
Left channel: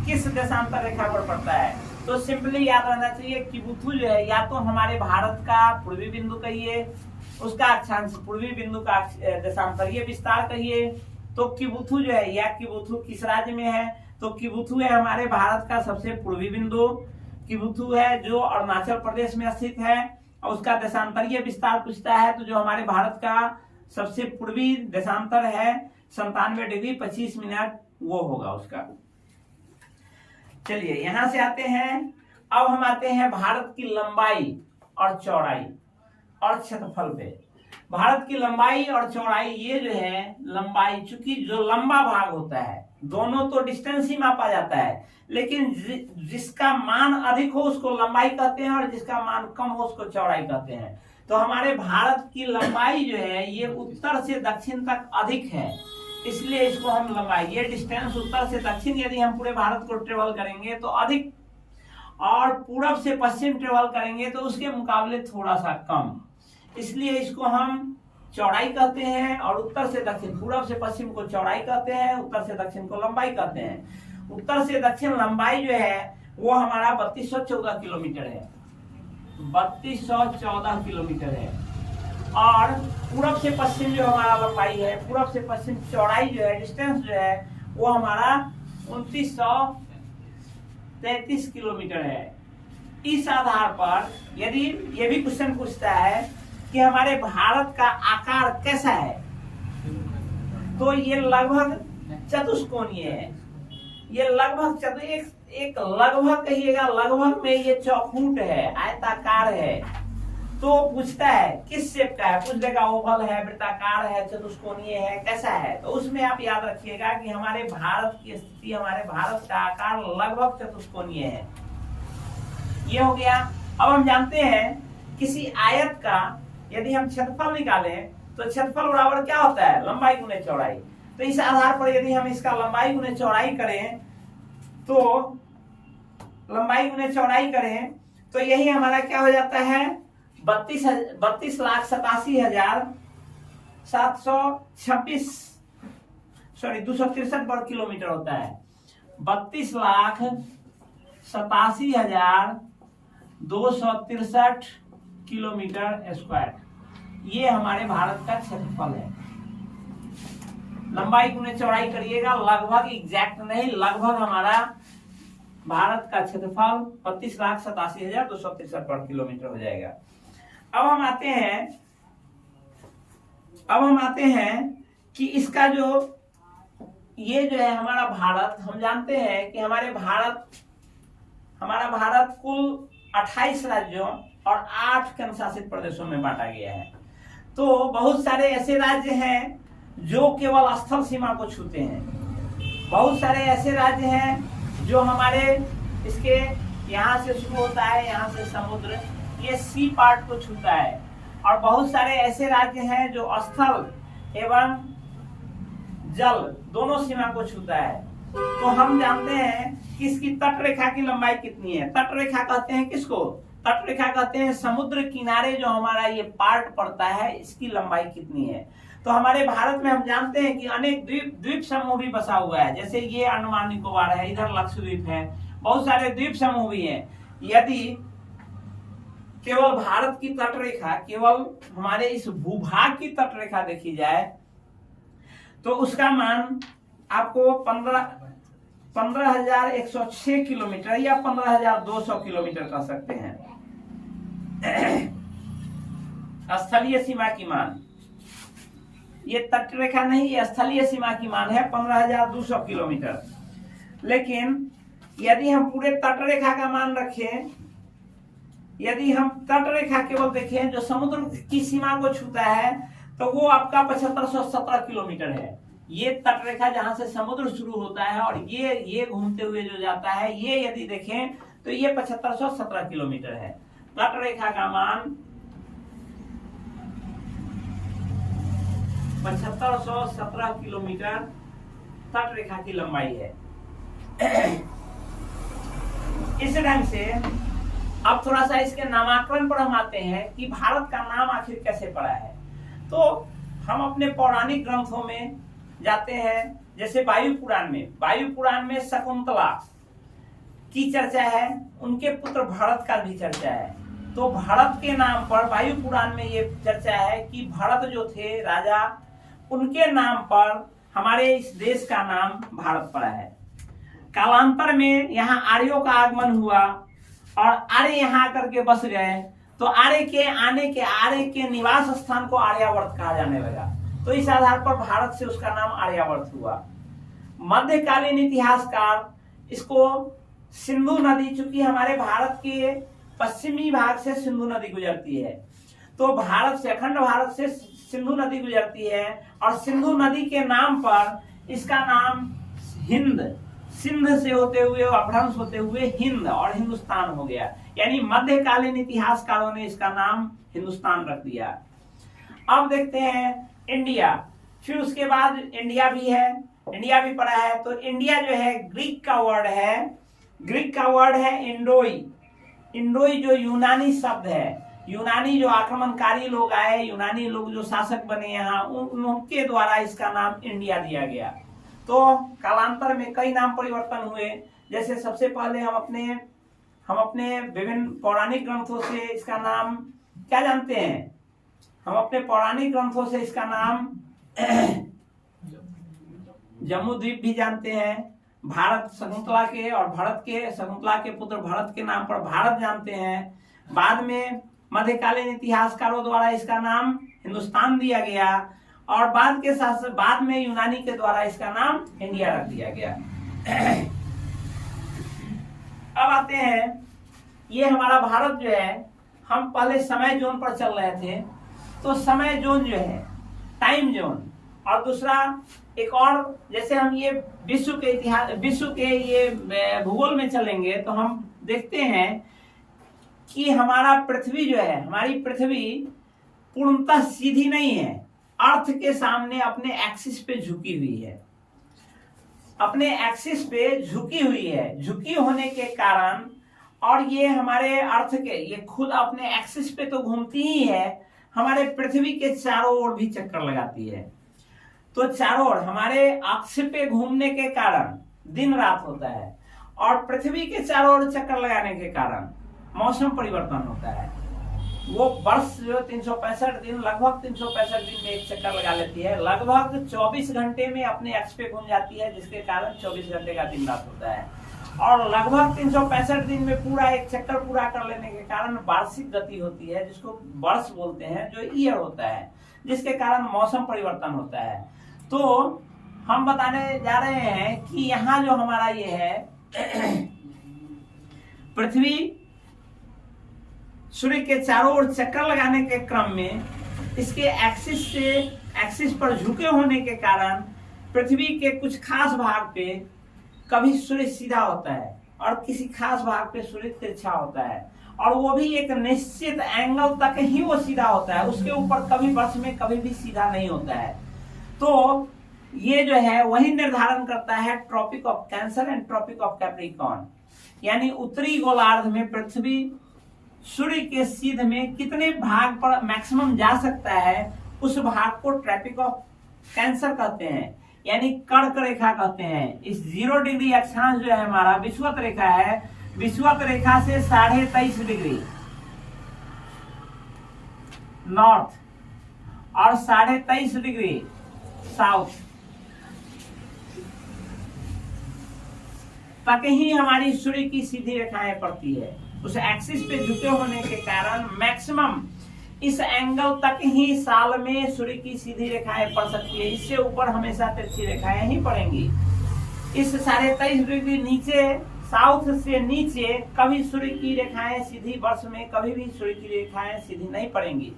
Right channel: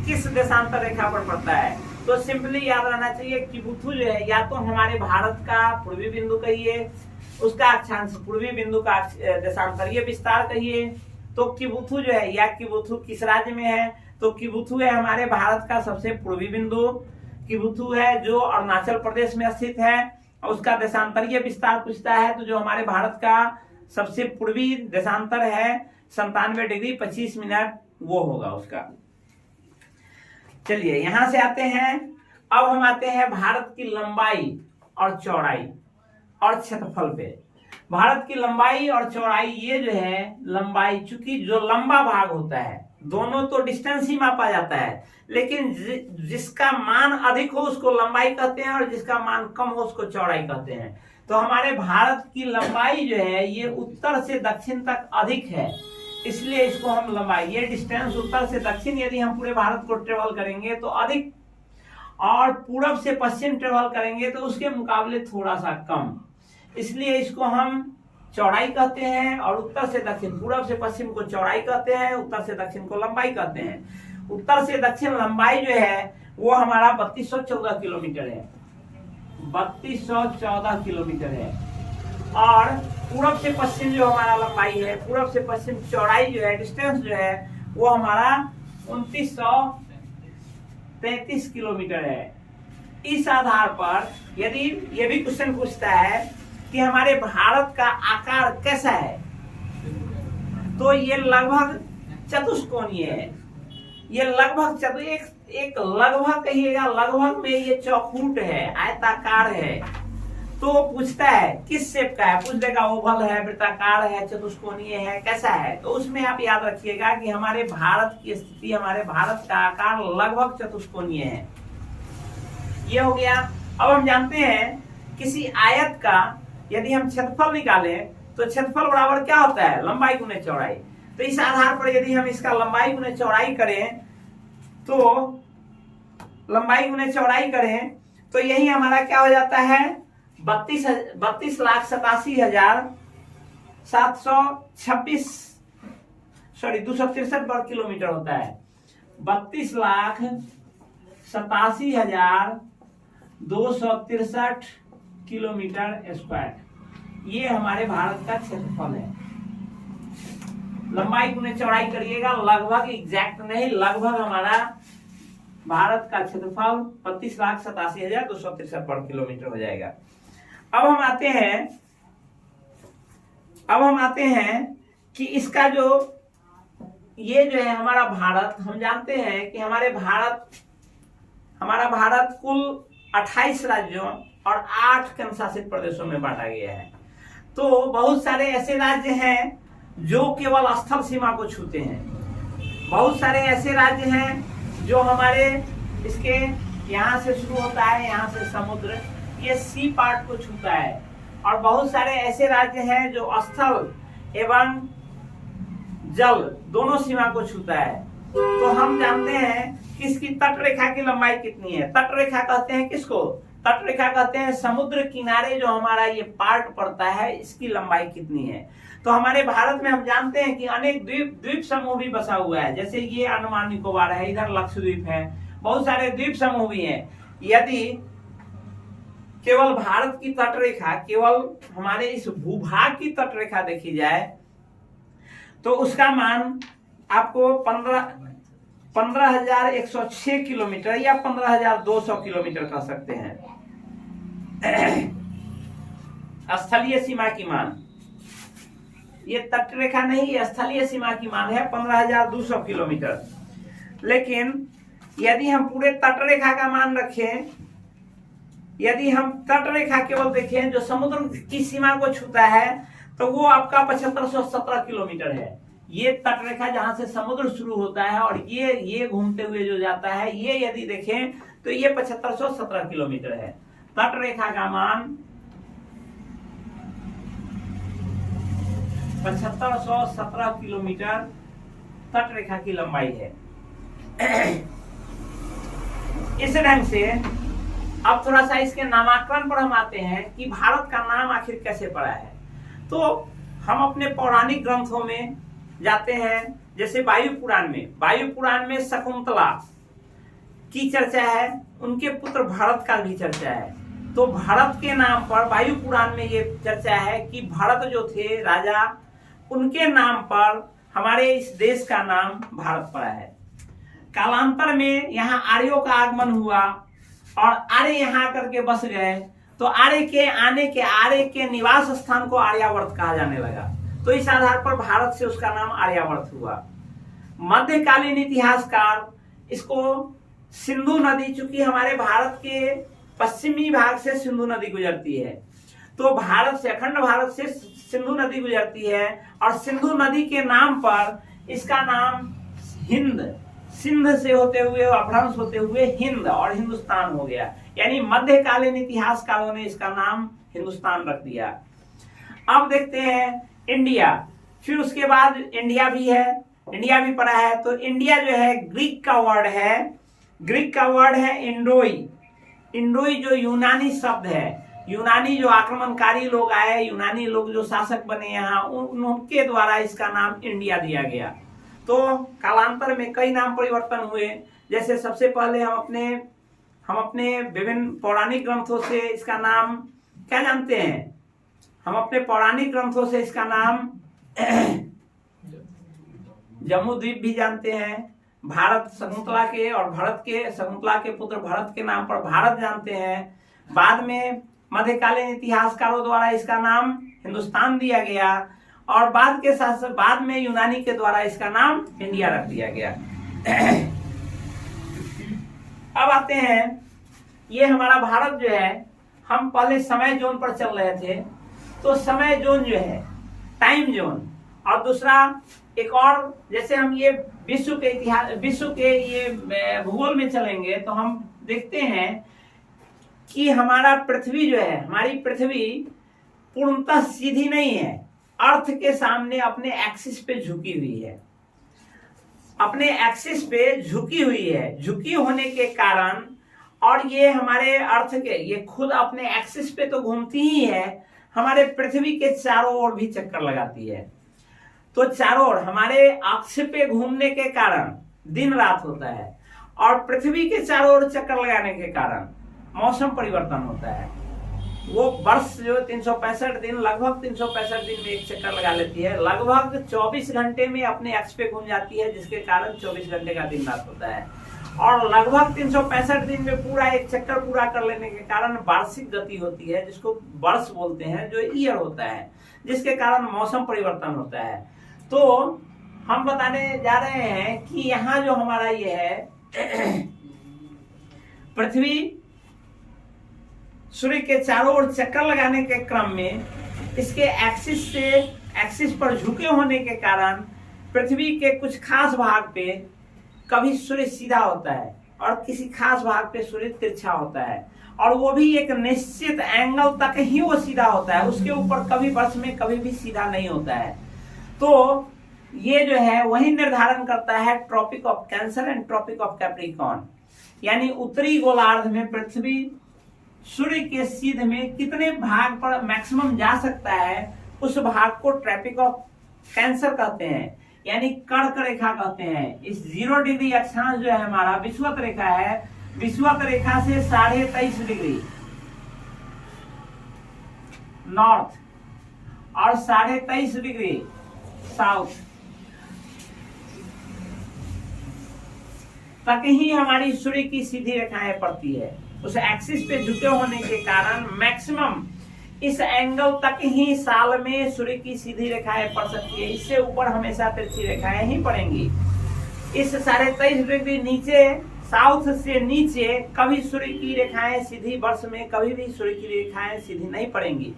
किस देशांतर रेखा पर पड़ता है, तो सिंपली याद रहना चाहिए किबुथु जो है या तो हमारे भारत का पूर्वी बिंदु कहिए, उसका अक्षांश पूर्वी बिंदु का देशांतरीय विस्तार कहिए। तो किबुथु जो है या किबुथु किस राज्य में है, तो किबुथु है हमारे भारत का सबसे पूर्वी बिंदु। किबुथु है जो अरुणाचल प्रदेश में स्थित है और उसका देशांतरीय विस्तार पूछता है, तो जो हमारे भारत का सबसे पूर्वी देशांतर है 97 डिग्री 25 मिनट वो होगा उसका। चलिए यहां से आते हैं, अब हम आते हैं भारत की लंबाई और चौड़ाई और क्षेत्रफल पे। भारत की लंबाई और चौड़ाई, ये जो है लंबाई, चूंकि जो लंबा भाग होता है दोनों तो डिस्टेंस ही मापा जाता है, लेकिन जिसका मान अधिक हो उसको लंबाई कहते हैं और जिसका मान कम हो उसको चौड़ाई कहते हैं। तो हमारे भारत की लंबाई जो है ये उत्तर से दक्षिण तक अधिक है, इसलिए इसको हम लंबाई, ये डिस्टेंस उत्तर से दक्षिण यदि हम पूरे भारत को ट्रेवल करेंगे तो अधिक, और पूरब से पश्चिम ट्रेवल करेंगे तो उसके मुकाबले थोड़ा सा कम, इसलिए इसको हम चौड़ाई कहते हैं। और उत्तर से दक्षिण, पूरब से पश्चिम को चौड़ाई कहते हैं, उत्तर से दक्षिण को लंबाई कहते हैं। उत्तर से दक्षिण लंबाई जो है वो हमारा 3214 किलोमीटर है, 3214 किलोमीटर है। और पूरब से पश्चिम जो हमारा लंबाई है, पूरब से पश्चिम चौड़ाई जो है, डिस्टेंस जो है वो हमारा 2933 किलोमीटर है। इस आधार पर यदि ये भी क्वेश्चन पूछता है कि हमारे भारत का आकार कैसा है, तो ये लगभग चतुष्कोणीय है। ये लगभग एक लगभग कहिएगा, लगभग में ये चौखूट है, आयताकार है। तो पूछता है किस शेप का है, पूछ देगा ओवल है, वृत्ताकार है, चतुष्कोणीय है, कैसा है। तो उसमें आप याद रखिएगा कि हमारे भारत की स्थिति, हमारे भारत का आकार लगभग चतुष्कोणीय है। ये हो गया। अब हम जानते हैं किसी आयत का यदि हम क्षेत्रफल निकालें तो क्षेत्रफल बराबर क्या होता है, लंबाई गुने चौड़ाई। तो इस आधार पर यदि हम इसका लंबाई गुने चौड़ाई करें तो लंबाई गुने चौड़ाई करें तो यही हमारा क्या हो जाता है, 263 वर्ग किलोमीटर होता है। 32,87,263 किलोमीटर स्क्वायर, ये हमारे भारत का क्षेत्रफल है। लंबाई गुने चौड़ाई करिएगा, लगभग एग्जैक्ट नहीं, लगभग हमारा भारत का क्षेत्रफल 32,87,263 वर्ग किलोमीटर हो जाएगा। अब हम आते हैं कि इसका जो ये जो है हमारा भारत, हम जानते हैं कि हमारा भारत कुल 28 राज्यों और 8 केंद्रशासित प्रदेशों में बांटा गया है। तो बहुत सारे ऐसे राज्य हैं जो केवल स्थल सीमा को छूते हैं, बहुत सारे ऐसे राज्य हैं जो हमारे इसके यहाँ से शुरू होता है, यहाँ से समुद्र, ये सी पार्ट को छूता है, और बहुत सारे ऐसे राज्य हैं जो स्थल एवं जल दोनों सीमा को छूता है। तो हम जानते हैं कि इसकी तट रेखा की लंबाई कितनी है। तट रेखा कहते हैं किसको? तट रेखा कहते हैं समुद्र किनारे जो हमारा ये पार्ट पड़ता है, इसकी लंबाई कितनी है। तो हमारे भारत में हम जानते हैं कि अनेक द्वीप समूह भी बसा हुआ है, जैसे ये अंडमान निकोबार है, इधर लक्षद्वीप है, बहुत सारे द्वीप समूह भी हैं। यदि केवल भारत की तट रेखा, केवल हमारे इस भूभाग की तट रेखा देखी जाए तो उसका मान आपको 15,106 किलोमीटर या 15,200 किलोमीटर कह सकते हैं। स्थलीय सीमा की मान, ये तट रेखा नहीं, ये स्थलीय सीमा की मान है 15,200 किलोमीटर। लेकिन यदि हम पूरे तट रेखा का मान रखें, यदि हम तट रेखा केवल देखें जो समुद्र की सीमा को छूता है, तो वो आपका 7517 किलोमीटर है। ये तट रेखा जहां से समुद्र शुरू होता है और ये घूमते हुए जो जाता है, ये यदि देखें तो ये 7517 किलोमीटर है। तट रेखा का मान 7517 किलोमीटर तट रेखा की लंबाई है। इस ढंग से अब थोड़ा सा इसके नामकरण पर हम आते हैं कि भारत का नाम आखिर कैसे पड़ा है। तो हम अपने पौराणिक ग्रंथों में जाते हैं, जैसे वायु पुराण में शकुंतला की चर्चा है, उनके पुत्र भरत का भी चर्चा है। तो भरत के नाम पर वायु पुराण में ये चर्चा है कि भरत जो थे राजा, उनके नाम पर हमारे इस देश का नाम भारत पड़ा है। कालांतर में यहाँ आर्यों का आगमन हुआ और आर्य यहाँ आकर के बस गए, तो आर्य के निवास स्थान को आर्यावर्त कहा जाने लगा। तो इस आधार पर भारत से उसका नाम आर्यावर्त हुआ। मध्यकालीन इतिहासकार इसको सिंधु नदी, चूंकि हमारे भारत के पश्चिमी भाग से सिंधु नदी गुजरती है, तो अखंड भारत से सिंधु नदी गुजरती है, और सिंधु नदी के नाम पर इसका नाम सिंध से होते हुए अपभ्रंश होते हुए हिंद और हिंदुस्तान हो गया। यानी मध्यकालीन इतिहासकारों ने इसका नाम हिंदुस्तान रख दिया। अब देखते हैं इंडिया, फिर उसके बाद इंडिया भी पड़ा है। तो इंडिया जो है ग्रीक का वर्ड है इंडोई जो यूनानी शब्द है, यूनानी जो आक्रमणकारी लोग आए, यूनानी लोग जो शासक बने यहाँ, उनके द्वारा इसका नाम इंडिया दिया गया। तो कालांतर में कई नाम परिवर्तन हुए। जैसे सबसे पहले हम अपने विभिन्न पौराणिक ग्रंथों से इसका नाम क्या जानते हैं? हम अपने पौराणिक ग्रंथों से इसका नाम जम्बूद्वीप भी जानते हैं। भारत शकुंतला के पुत्र भरत के नाम पर भारत जानते हैं। बाद में मध्यकालीन इतिहासकारों द्वारा इसका नाम हिंदुस्तान दिया गया, और बाद में यूनानी के द्वारा इसका नाम इंडिया रख दिया गया। अब आते हैं, ये हमारा भारत जो है, हम पहले समय जोन पर चल रहे थे। तो समय जोन जो है टाइम जोन, और दूसरा एक और, जैसे हम ये विश्व के ये भूगोल में चलेंगे तो हम देखते हैं कि हमारी पृथ्वी पूर्णतः सीधी नहीं है, अर्थ के सामने अपने एक्सिस पे झुकी हुई है। झुकी होने के कारण, और ये हमारे अर्थ के ये खुद अपने एक्सिस पे तो घूमती ही है, हमारे पृथ्वी के चारों ओर भी चक्कर लगाती है। तो चारों ओर हमारे अक्ष पे घूमने के कारण दिन रात होता है, और पृथ्वी के चारों ओर चक्कर लगाने के कारण मौसम परिवर्तन होता है। वो वर्ष जो 365 दिन, लगभग 365 दिन में एक चक्कर लगा लेती है, लगभग 24 घंटे में अपने अक्ष पे घूम जाती है, जिसके कारण 24 घंटे का दिन रात होता है। और लगभग 365 दिन में पूरा एक चक्कर पूरा कर लेने के कारण वार्षिक गति होती है, जिसको वर्ष बोलते हैं, जो ईयर होता है, जिसके कारण मौसम परिवर्तन होता है। तो हम बताने जा रहे हैं कि यहाँ जो हमारा ये है पृथ्वी सूर्य के चारों ओर चक्कर लगाने के क्रम में इसके एक्सिस पर झुके होने के कारण पृथ्वी के कुछ खास भाग पे कभी सूर्य सीधा होता है और किसी खास भाग पे सूर्य तिरछा होता है, और वो भी एक निश्चित एंगल तक ही वो सीधा होता है, उसके ऊपर कभी वर्ष में कभी भी सीधा नहीं होता है। तो ये जो है वही निर्धारण करता है tropic of cancer and tropic of Capricorn, यानी उत्तरी गोलार्ध में पृथ्वी सूर्य के सीध में कितने भाग पर मैक्सिमम जा सकता है, उस भाग को ट्रॉपिक ऑफ कैंसर कहते हैं, यानी कर्क रेखा कहते हैं। इस 0 डिग्री अक्षांश जो है हमारा विषुवत रेखा है, विषुवत रेखा से 23.5 डिग्री नॉर्थ और 23.5 डिग्री साउथ तक ही हमारी सूर्य की सीधी रेखाएं पड़ती है। उस एक्सिस पे झुके होने के कारण मैक्सिमम इस एंगल तक ही साल में सूर्य की सीधी रेखाएं पड़ सकती है, इससे ऊपर हमेशा तिरछी रेखाएं ही पड़ेंगी। इस 23.5 डिग्री नीचे साउथ से नीचे कभी सूर्य की रेखाएं सीधी, वर्ष में कभी भी सूर्य की रेखाएं सीधी नहीं पड़ेंगी।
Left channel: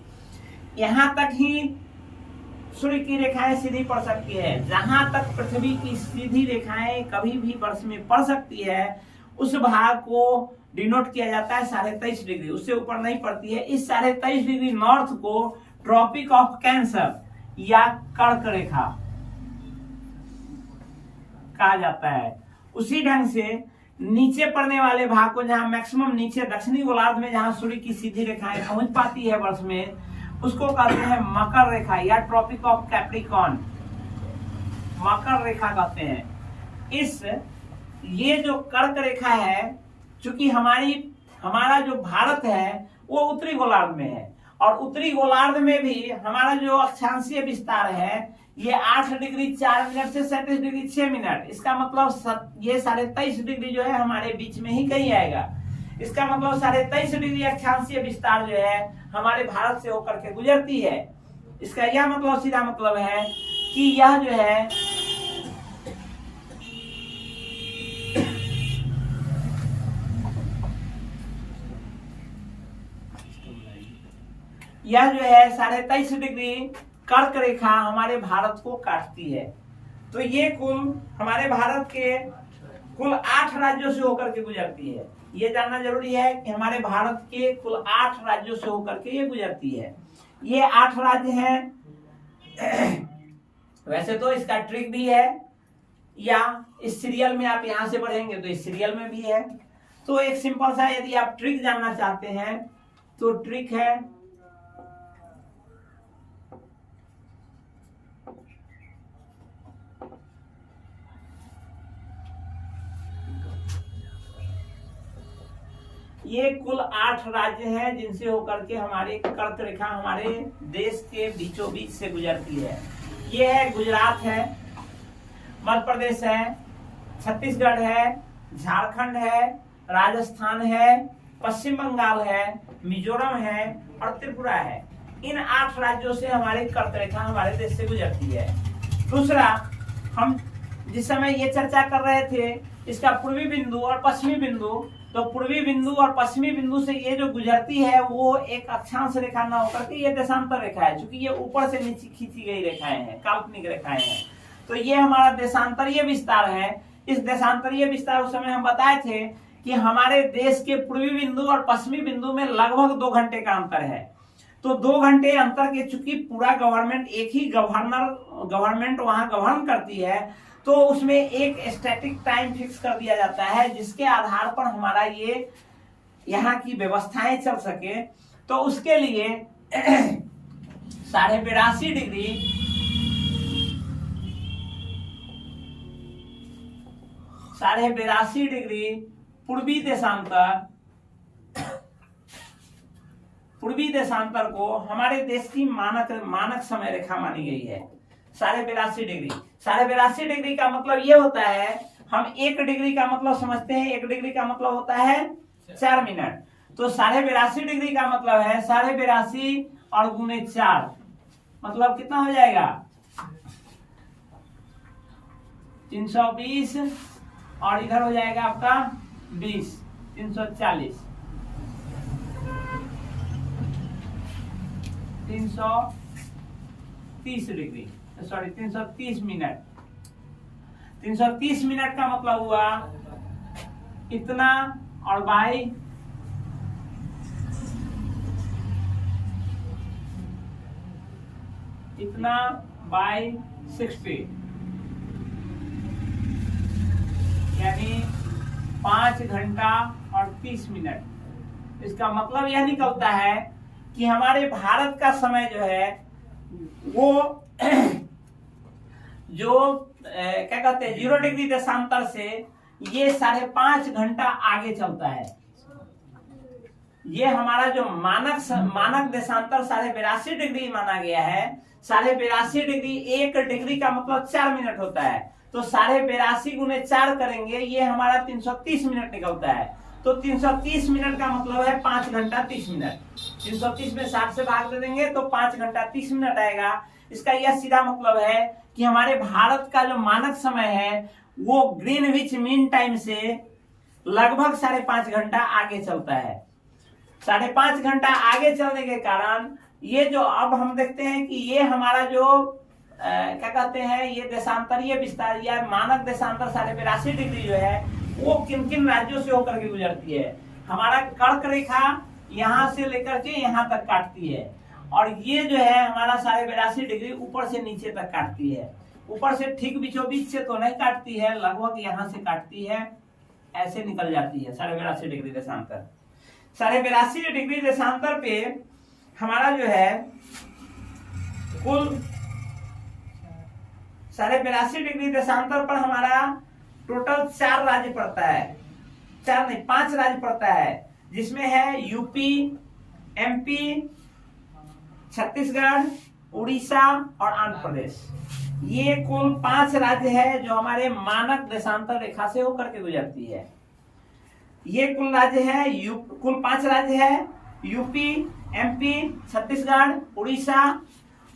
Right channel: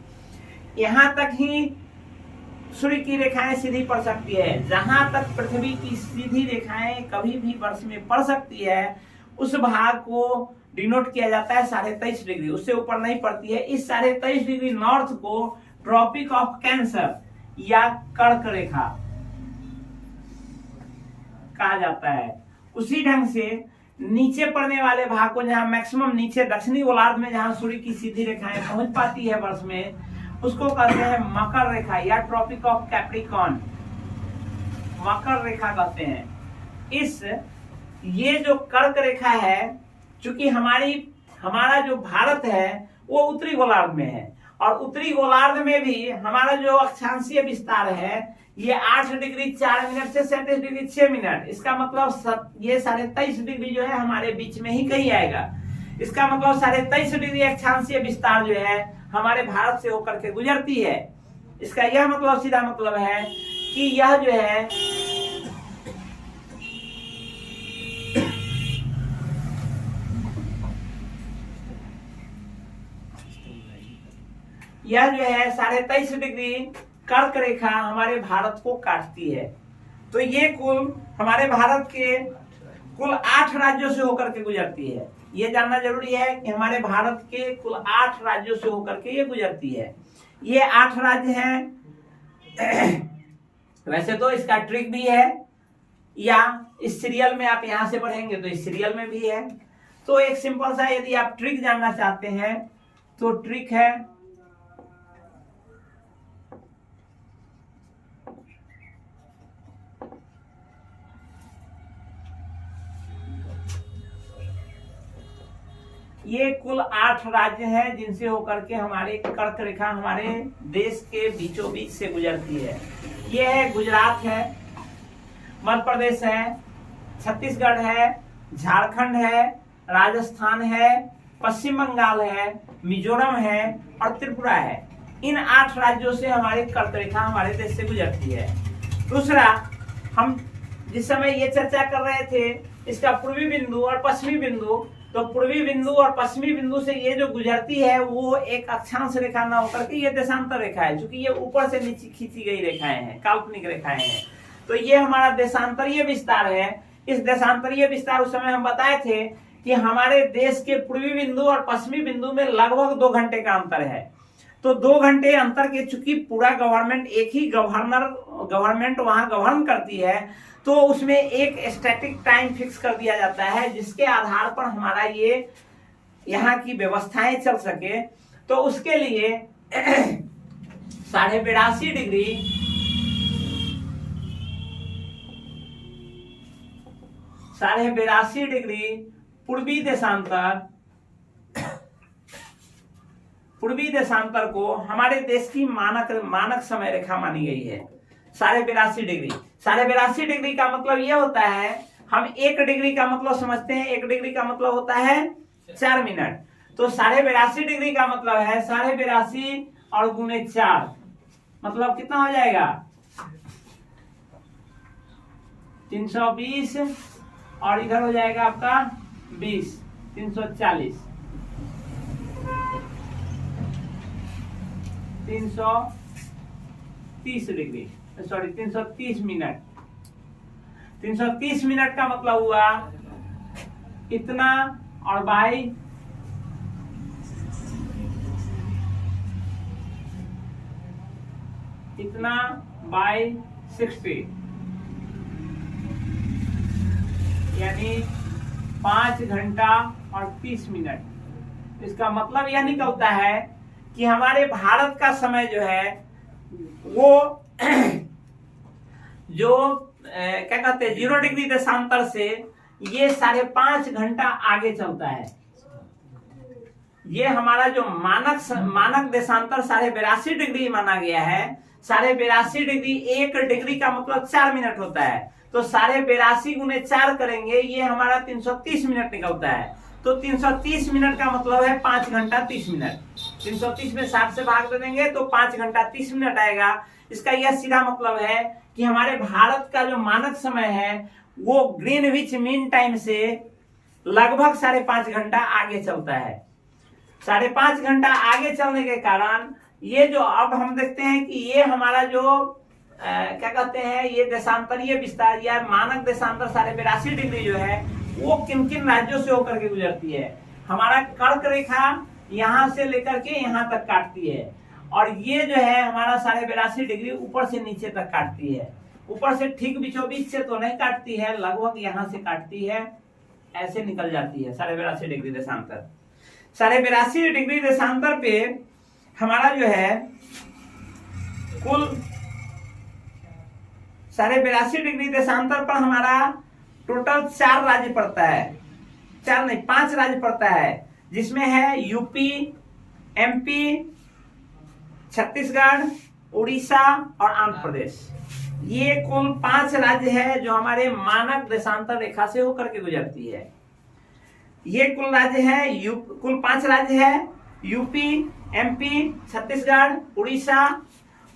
यहाँ तक ही सूर्य की रेखाएं सीधी पड़ सकती है। जहां तक पृथ्वी की सीधी रेखाएं कभी भी वर्ष में पड़ सकती है, उस भाग को डिनोट किया जाता है 23.5 डिग्री, उससे ऊपर नहीं पड़ती है। इस 23.5 डिग्री नॉर्थ को ट्रॉपिक ऑफ कैंसर या कर्क रेखा कहा जाता है। उसी ढंग से नीचे पड़ने वाले भाग को, जहां मैक्सिमम नीचे दक्षिणी गोलार्ध में जहां सूर्य की सीधी रेखाएं पहुंच पाती है वर्ष में, उसको कहते हैं मकर रेखा या ट्रॉपिक ऑफ कैप्रिकॉर्न, मकर रेखा कहते हैं। ये जो कर्क रेखा है, चूंकि हमारा जो भारत है वो उत्तरी गोलार्ध में है, और उत्तरी गोलार्ध में भी हमारा जो अक्षांशीय विस्तार है ये 8 डिग्री 4 मिनट से 37 डिग्री 6 मिनट, इसका मतलब ये 23.5 डिग्री जो है हमारे बीच में ही कहीं आएगा। इसका मतलब 23.5 डिग्री अक्षांशीय विस्तार जो है हमारे भारत से होकर के गुजरती है। इसका यह मतलब, सीधा मतलब है कि यह जो है यह जो है 23.5 डिग्री कर्क रेखा हमारे भारत को काटती है। तो ये कुल हमारे भारत के कुल 8 राज्यों से होकर के गुजरती है। ये जानना जरूरी है कि हमारे भारत के कुल 8 राज्यों से होकर के ये गुजरती है। ये 8 राज्य हैं। वैसे तो इसका ट्रिक भी है, या इस सीरियल में आप यहां से पढ़ेंगे तो इस सीरियल में भी है। तो एक सिंपल सा, यदि आप ट्रिक जानना चाहते हैं तो ट्रिक है ये कुल 8 राज्य हैं जिनसे होकर के हमारे कर्क रेखा हमारे देश के बीचों बीच से गुजरती है। ये है गुजरात है, मध्य प्रदेश है, छत्तीसगढ़ है, झारखंड है, राजस्थान है, पश्चिम बंगाल है, मिजोरम है और त्रिपुरा है। इन 8 राज्यों से हमारी कर्क रेखा हमारे देश से गुजरती है। दूसरा, हम जिस समय ये चर्चा कर रहे थे इसका पूर्वी बिंदु और पश्चिमी बिंदु, तो पूर्वी बिंदु और पश्चिमी बिंदु से ये जो गुजरती है वो एक अक्षांश रेखा न होकर के ये देशांतर रेखा है, क्योंकि ये ऊपर से नीचे खींची गई रेखाएं हैं, काल्पनिक रेखाएं हैं। तो ये हमारा देशांतरीय विस्तार है। इस देशांतरीय विस्तार उस समय हम बताए थे कि हमारे देश के पूर्वी बिंदु और पश्चिमी बिंदु में लगभग 2 घंटे का अंतर है। तो 2 घंटे अंतर के, चूंकि पूरा गवर्नमेंट एक ही गवर्नमेंट वहां गवर्न करती है, तो उसमें एक स्टैटिक टाइम फिक्स कर दिया जाता है जिसके आधार पर हमारा ये यहाँ की व्यवस्थाएं चल सके। तो उसके लिए 82.5 डिग्री पूर्वी देशांतर को हमारे देश की मानक समय रेखा मानी गई है। 82.5 डिग्री। 82.5 डिग्री का मतलब ये होता है, हम 1 डिग्री का मतलब समझते हैं, 1 डिग्री का मतलब होता है 4 मिनट। तो 82.5 डिग्री का मतलब है 82.5 और गुने 4, मतलब कितना हो जाएगा 320 और इधर हो जाएगा आपका 20, 340, 330 डिग्री, सॉरी 330 मिनट। 330 मिनट का मतलब हुआ इतना, और बाई इतना बाई 60, यानी 5 घंटा और 30 मिनट। इसका मतलब यह निकलता है कि हमारे भारत का समय जो है वो जो क्या कहते हैं 0 डिग्री देशांतर से ये 5.5 घंटा आगे चलता है। ये हमारा जो मानक देशांतर 82.5 डिग्री माना गया है। 82.5 डिग्री, 1 डिग्री का मतलब 4 मिनट होता है, तो 82.5 गुने 4 करेंगे, ये हमारा 330 मिनट निकलता है। तो 330 मिनट का मतलब है 5 घंटा 30 मिनट। 330 में 60 से भाग दे देंगे तो 5 घंटा 30 मिनट आएगा। इसका यह सीधा मतलब है कि हमारे भारत का जो मानक समय है वो ग्रीनविच मीन टाइम से लगभग 5.5 घंटा आगे चलता है। 5.5 घंटा आगे चलने के कारण ये जो अब हम देखते हैं कि ये हमारा जो क्या कहते हैं ये देशांतरीय विस्तार या मानक देशांतर 82.5 डिग्री जो है वो किन किन राज्यों से होकर के गुजरती है। हमारा कर्क रेखा यहाँ से लेकर के यहाँ तक काटती है, और ये जो है हमारा 82.5 डिग्री ऊपर से नीचे तक काटती है। ऊपर से ठीक बीचों बीच से तो नहीं काटती है, लगभग यहाँ से काटती है, ऐसे निकल जाती है 82.5 डिग्री देशांतर। 82.5 डिग्री देशांतर पे हमारा जो है कुल 82.5 डिग्री देशांतर पर हमारा टोटल 4 राज्य पड़ता है, 4 नहीं 5 राज्य पड़ता है, जिसमें है यूपी, एमपी, छत्तीसगढ़, उड़ीसा और आंध्र प्रदेश। ये कुल 5 राज्य है जो हमारे मानक देशांतर रेखा से होकर के गुजरती है। ये कुल राज्य है, कुल 5 राज्य है, यूपी, एमपी, छत्तीसगढ़, उड़ीसा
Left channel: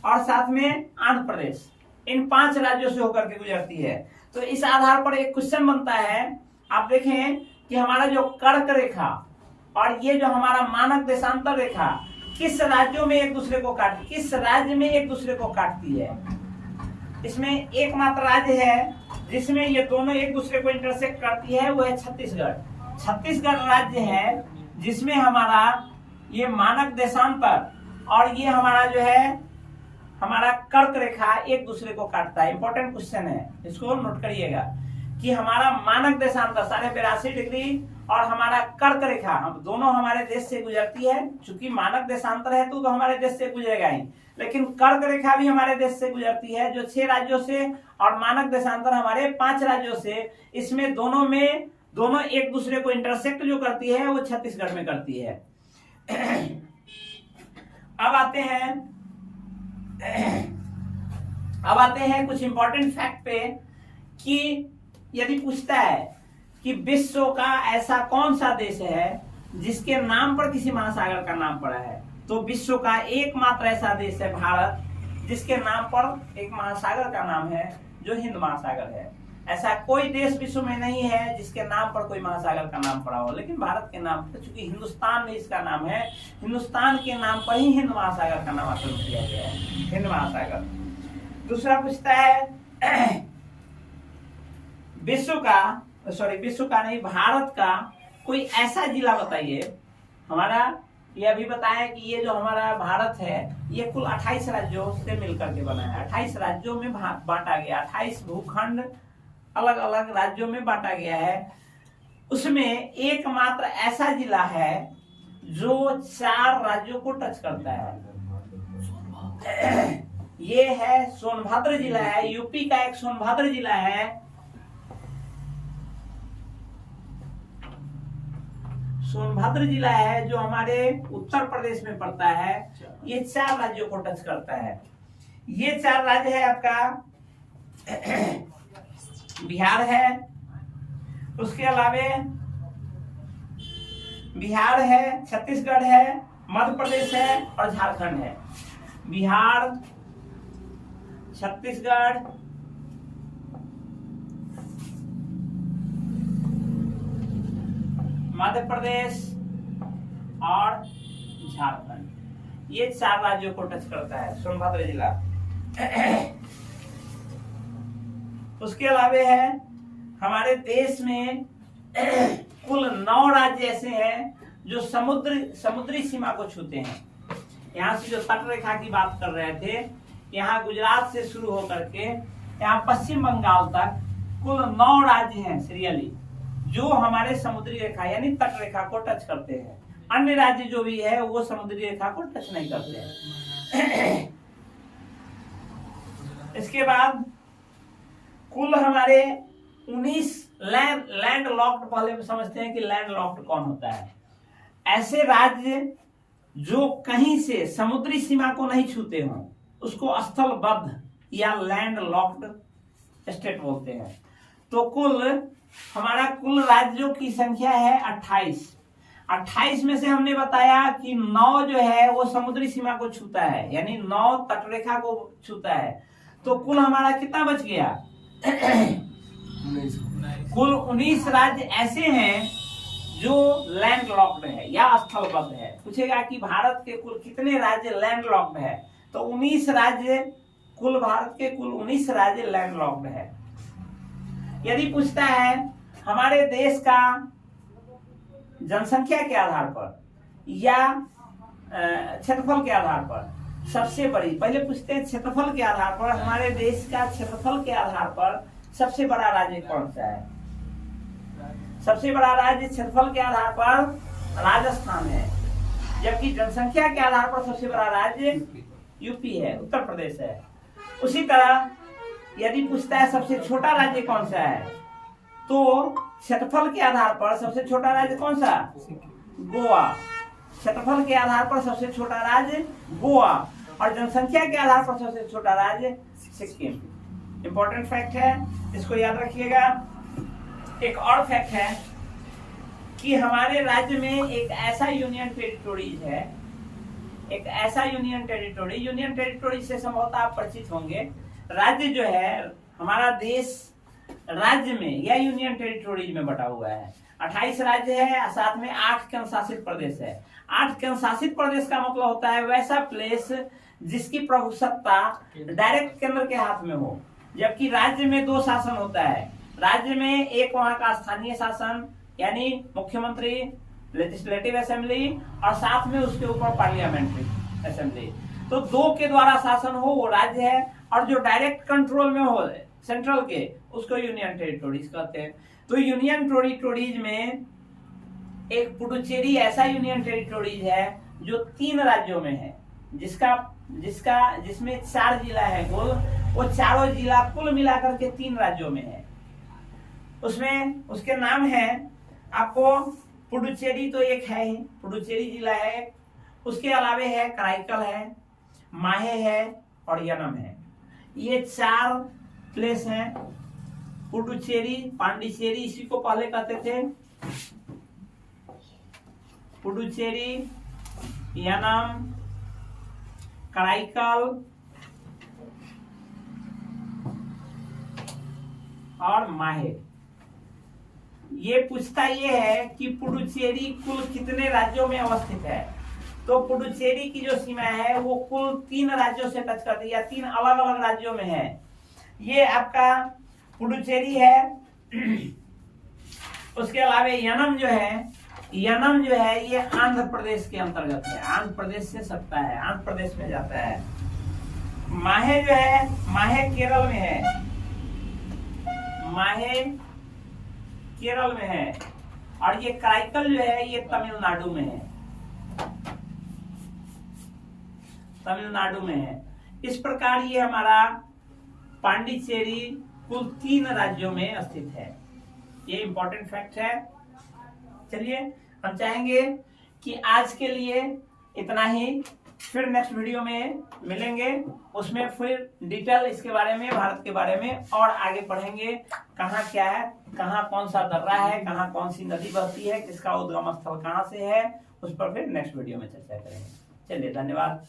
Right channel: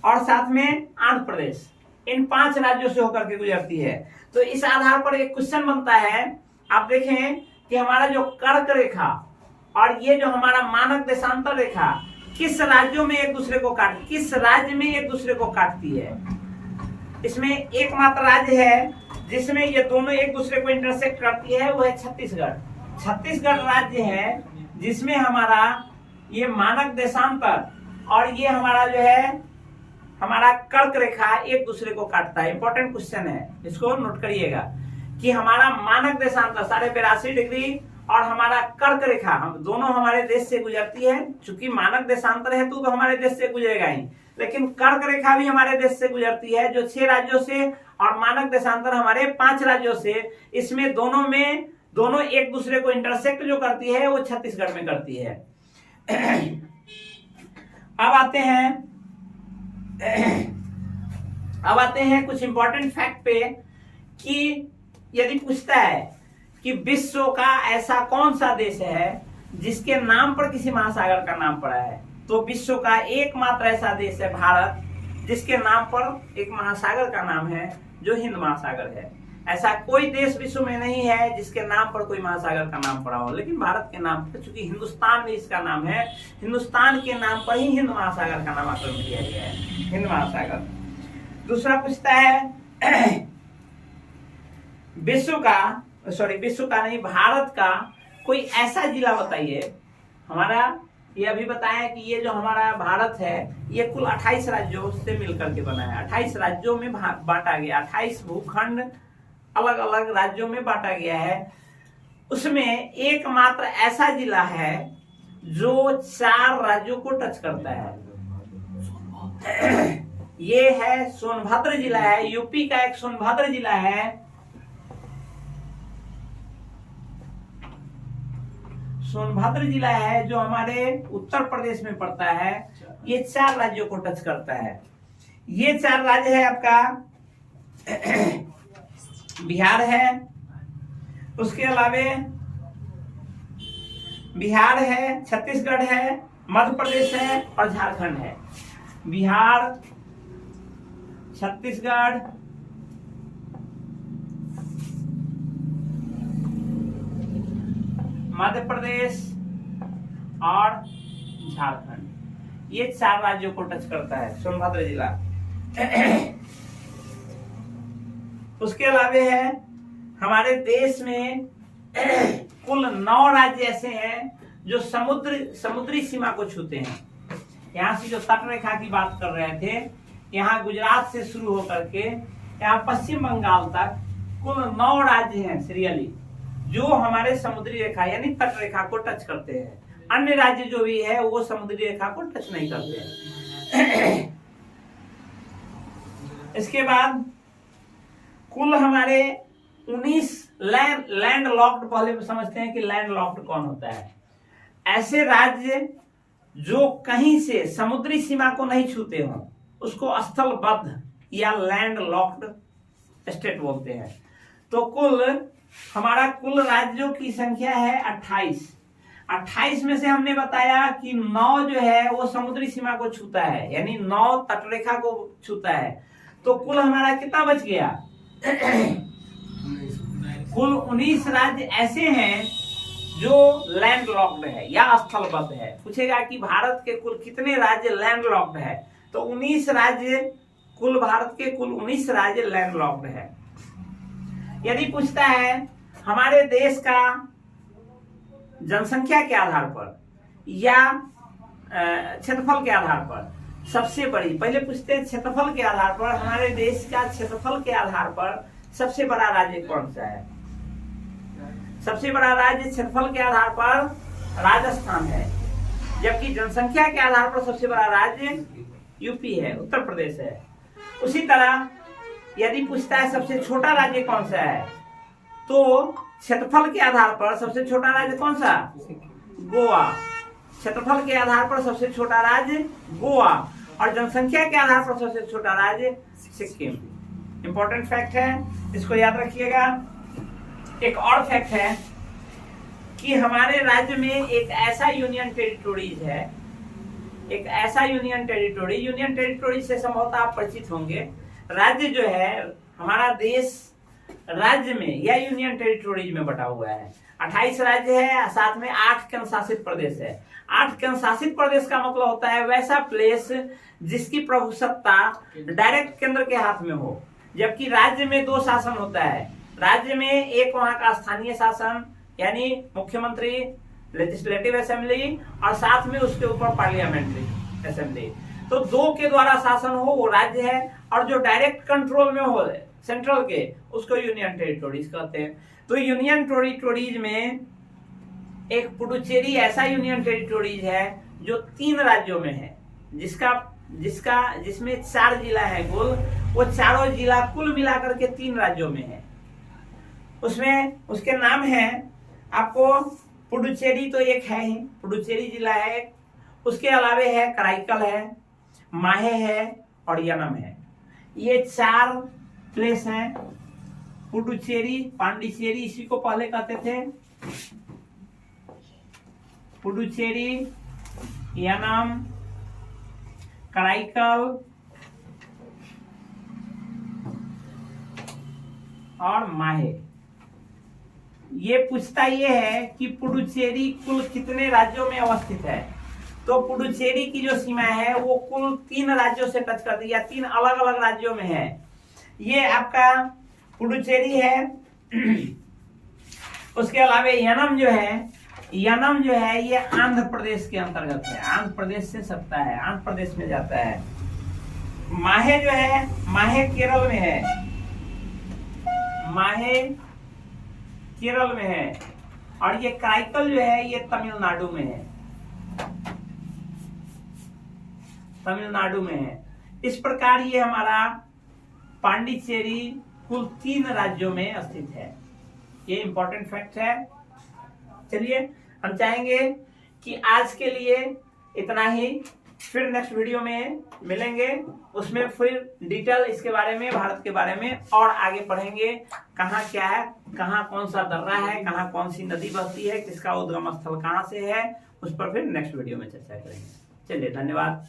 और साथ में आंध्र प्रदेश। इन 5 राज्यों से होकर के गुजरती है। तो इस आधार पर एक क्वेश्चन बनता है, आप देखें कि हमारा जो कर्क रेखा और ये जो हमारा मानक देशांतर रेखा किस राज्यों में एक दूसरे को काटती, किस राज्य में एक दूसरे को काटती है। इसमें एकमात्र राज्य है जिसमें ये दोनों एक दूसरे को इंटरसेक्ट करती है, वो है छत्तीसगढ़। छत्तीसगढ़ राज्य है जिसमें हमारा ये मानक देशांतर और ये हमारा जो है हमारा कर्क रेखा एक दूसरे को काटता है। इंपॉर्टेंट क्वेश्चन है, इसको नोट करिएगा कि हमारा मानक देशांतर 82.5 डिग्री और हमारा कर्क रेखा हम दोनों हमारे देश से गुजरती है। चूंकि मानक देशांतर है तो हमारे देश से गुजरेगा ही, लेकिन कर्क रेखा भी हमारे देश से गुजरती है जो 6 राज्यों से, और मानक देशांतर हमारे 5 राज्यों से। इसमें दोनों एक दूसरे को इंटरसेक्ट जो करती है वो छत्तीसगढ़ में करती है। अब आते हैं कुछ इंपॉर्टेंट फैक्ट पे कि यदि पूछता है कि विश्व का ऐसा कौन सा देश है जिसके नाम पर किसी महासागर का नाम पड़ा है, तो विश्व का एकमात्र ऐसा देश है भारत, जिसके नाम पर एक महासागर का नाम है जो हिंद महासागर है। ऐसा कोई देश विश्व में नहीं है जिसके नाम पर कोई महासागर का नाम पड़ा हो, लेकिन भारत के नाम पर, चूंकि हिंदुस्तान में इसका नाम है, हिंदुस्तान के नाम पर ही हिंद महासागर का नामकरण किया गया है, हिंद महासागर। दूसरा पूछता है विश्व का नहीं, भारत का कोई ऐसा जिला बताइए। हमारा ये अभी बताया कि ये जो हमारा भारत है ये कुल 28 राज्यों से मिलकर के बना है। 28 राज्यों में बांटा गया, 28 भूखंड अलग अलग राज्यों में बांटा गया है। उसमें एकमात्र ऐसा जिला है जो 4 राज्यों को टच करता है, ये है सोनभद्र जिला है। यूपी का एक सोनभद्र जिला है, सोनभद्र जिला है जो हमारे उत्तर प्रदेश में पड़ता है। ये 4 राज्यों को टच करता है। ये 4 राज्य है आपका बिहार है, उसके अलावे बिहार है, छत्तीसगढ़ है, मध्य प्रदेश है और झारखंड है। बिहार, छत्तीसगढ़, मध्य प्रदेश और झारखंड, ये 4 राज्यों को टच करता है सोनभद्र जिला। उसके अलावा है हमारे देश में कुल 9 राज्य ऐसे हैं जो समुद्री सीमा को छूते हैं। यहाँ से जो तट रेखा की बात कर रहे थे, यहाँ गुजरात से शुरू होकर के यहाँ पश्चिम बंगाल तक कुल 9 राज्य हैं सीरियली जो हमारे समुद्री रेखा यानी तट रेखा को टच करते हैं। अन्य राज्य जो भी है वो समुद्री रेखा को टच नहीं करते हैं। इसके बाद कुल हमारे 19 लैंड लॉक्ड, पहले समझते हैं कि लैंड लॉक्ड कौन होता है। ऐसे राज्य जो कहीं से समुद्री सीमा को नहीं छूते हों उसको स्थलबद्ध या लैंड लॉक्ड स्टेट बोलते हैं। तो हमारा कुल राज्यों की संख्या है 28 में से हमने बताया कि 9 जो है वो समुद्री सीमा को छूता है, यानी 9 तटरेखा को छूता है। तो कुल हमारा कितना बच गया? कुल 19 राज्य ऐसे हैं जो लैंड लॉक्ड है या स्थलबद्ध है। पूछेगा कि भारत के कुल कितने राज्य लैंड लॉक्ड है, तो 19 राज्य, कुल भारत के कुल 19 राज्य लैंड लॉक्ड है। यदि पूछता है हमारे देश का जनसंख्या के आधार पर या क्षेत्रफल के आधार पर सबसे बड़ी, पहले पूछते हैं क्षेत्रफल के आधार पर, हमारे देश का क्षेत्रफल के आधार पर सबसे बड़ा राज्य कौन सा है? सबसे बड़ा राज्य क्षेत्रफल के आधार पर राजस्थान है, जबकि जनसंख्या के आधार पर सबसे बड़ा राज्य यूपी है, उत्तर प्रदेश है। उसी तरह यदि पूछता है सबसे छोटा राज्य कौन सा है, तो क्षेत्रफल के आधार पर सबसे छोटा राज्य कौन सा? गोवा। क्षेत्रफल के आधार पर सबसे छोटा राज्य गोवा और जनसंख्या के आधार पर सबसे छोटा राज्य सिक्किम। इंपॉर्टेंट फैक्ट है, इसको याद रखिएगा। एक और फैक्ट है कि हमारे राज्य में एक ऐसा यूनियन टेरिटोरीज है, एक ऐसा यूनियन टेरिटोरी से संभवतः आप परिचित होंगे। राज्य जो है हमारा देश राज्य में या यूनियन टेरिटोरीज में बटा हुआ है। 28 राज्य है, साथ में 8 केंद्र शासित प्रदेश है। 8 केंद्र शासित प्रदेश का मतलब होता है वैसा प्लेस जिसकी प्रभुसत्ता डायरेक्ट केंद्र के हाथ में हो, जबकि राज्य में 2 शासन होता है। राज्य में एक वहां का स्थानीय शासन यानी मुख्यमंत्री, लेजिस्लेटिव असेंबली और साथ में उसके ऊपर पार्लियामेंट्री असेंबली। तो 2 के द्वारा शासन हो वो राज्य है, और जो डायरेक्ट कंट्रोल में हो सेंट्रल के उसको यूनियन टेरिटोरीज कहते हैं। तो यूनियन टेरिटोरीज में एक पुडुचेरी ऐसा यूनियन टेरिटोरीज है जो 3 राज्यों में है, जिसमें 4 जिला है कुल। वो चारों जिला कुल मिलाकर के 3 राज्यों में है। उसमें उसके नाम है आपको पुडुचेरी तो एक है ही, पुडुचेरी जिला है। उसके अलावे है कराईकल है, माहे है और यनम है। ये 4 प्लेस हैं। पुडुचेरी, पांडिचेरी इसी को पहले कहते थे, पुडुचेरी, यनम, कराईकल और माहे। ये पूछता ये है कि पुडुचेरी कुल कितने राज्यों में अवस्थित है। तो पुडुचेरी की जो सीमा है वो कुल 3 राज्यों से टच करती है या 3 अलग अलग राज्यों में है। ये आपका पुडुचेरी है। उसके अलावा यनम जो है ये आंध्र प्रदेश के अंतर्गत है, आंध्र प्रदेश से सटता है, आंध्र प्रदेश में जाता है। माहे जो है, माहे केरल में है, माहे केरल में है। और ये कराईकल जो है ये तमिलनाडु में है, तमिलनाडु में है। इस प्रकार ये हमारा पांडिचेरी कुल 3 राज्यों में स्थित है। ये इंपॉर्टेंट फैक्ट है। चलिए हम चाहेंगे कि आज के लिए इतना ही, फिर नेक्स्ट वीडियो में मिलेंगे, उसमें फिर डिटेल इसके बारे में, भारत के बारे में और आगे पढ़ेंगे। कहाँ क्या है, कहाँ कौन सा दर्रा है, कहाँ कौन सी नदी बहती है, किसका उद्गम स्थल कहाँ से है, उस पर फिर नेक्स्ट वीडियो में चर्चा करेंगे। चलिए धन्यवाद।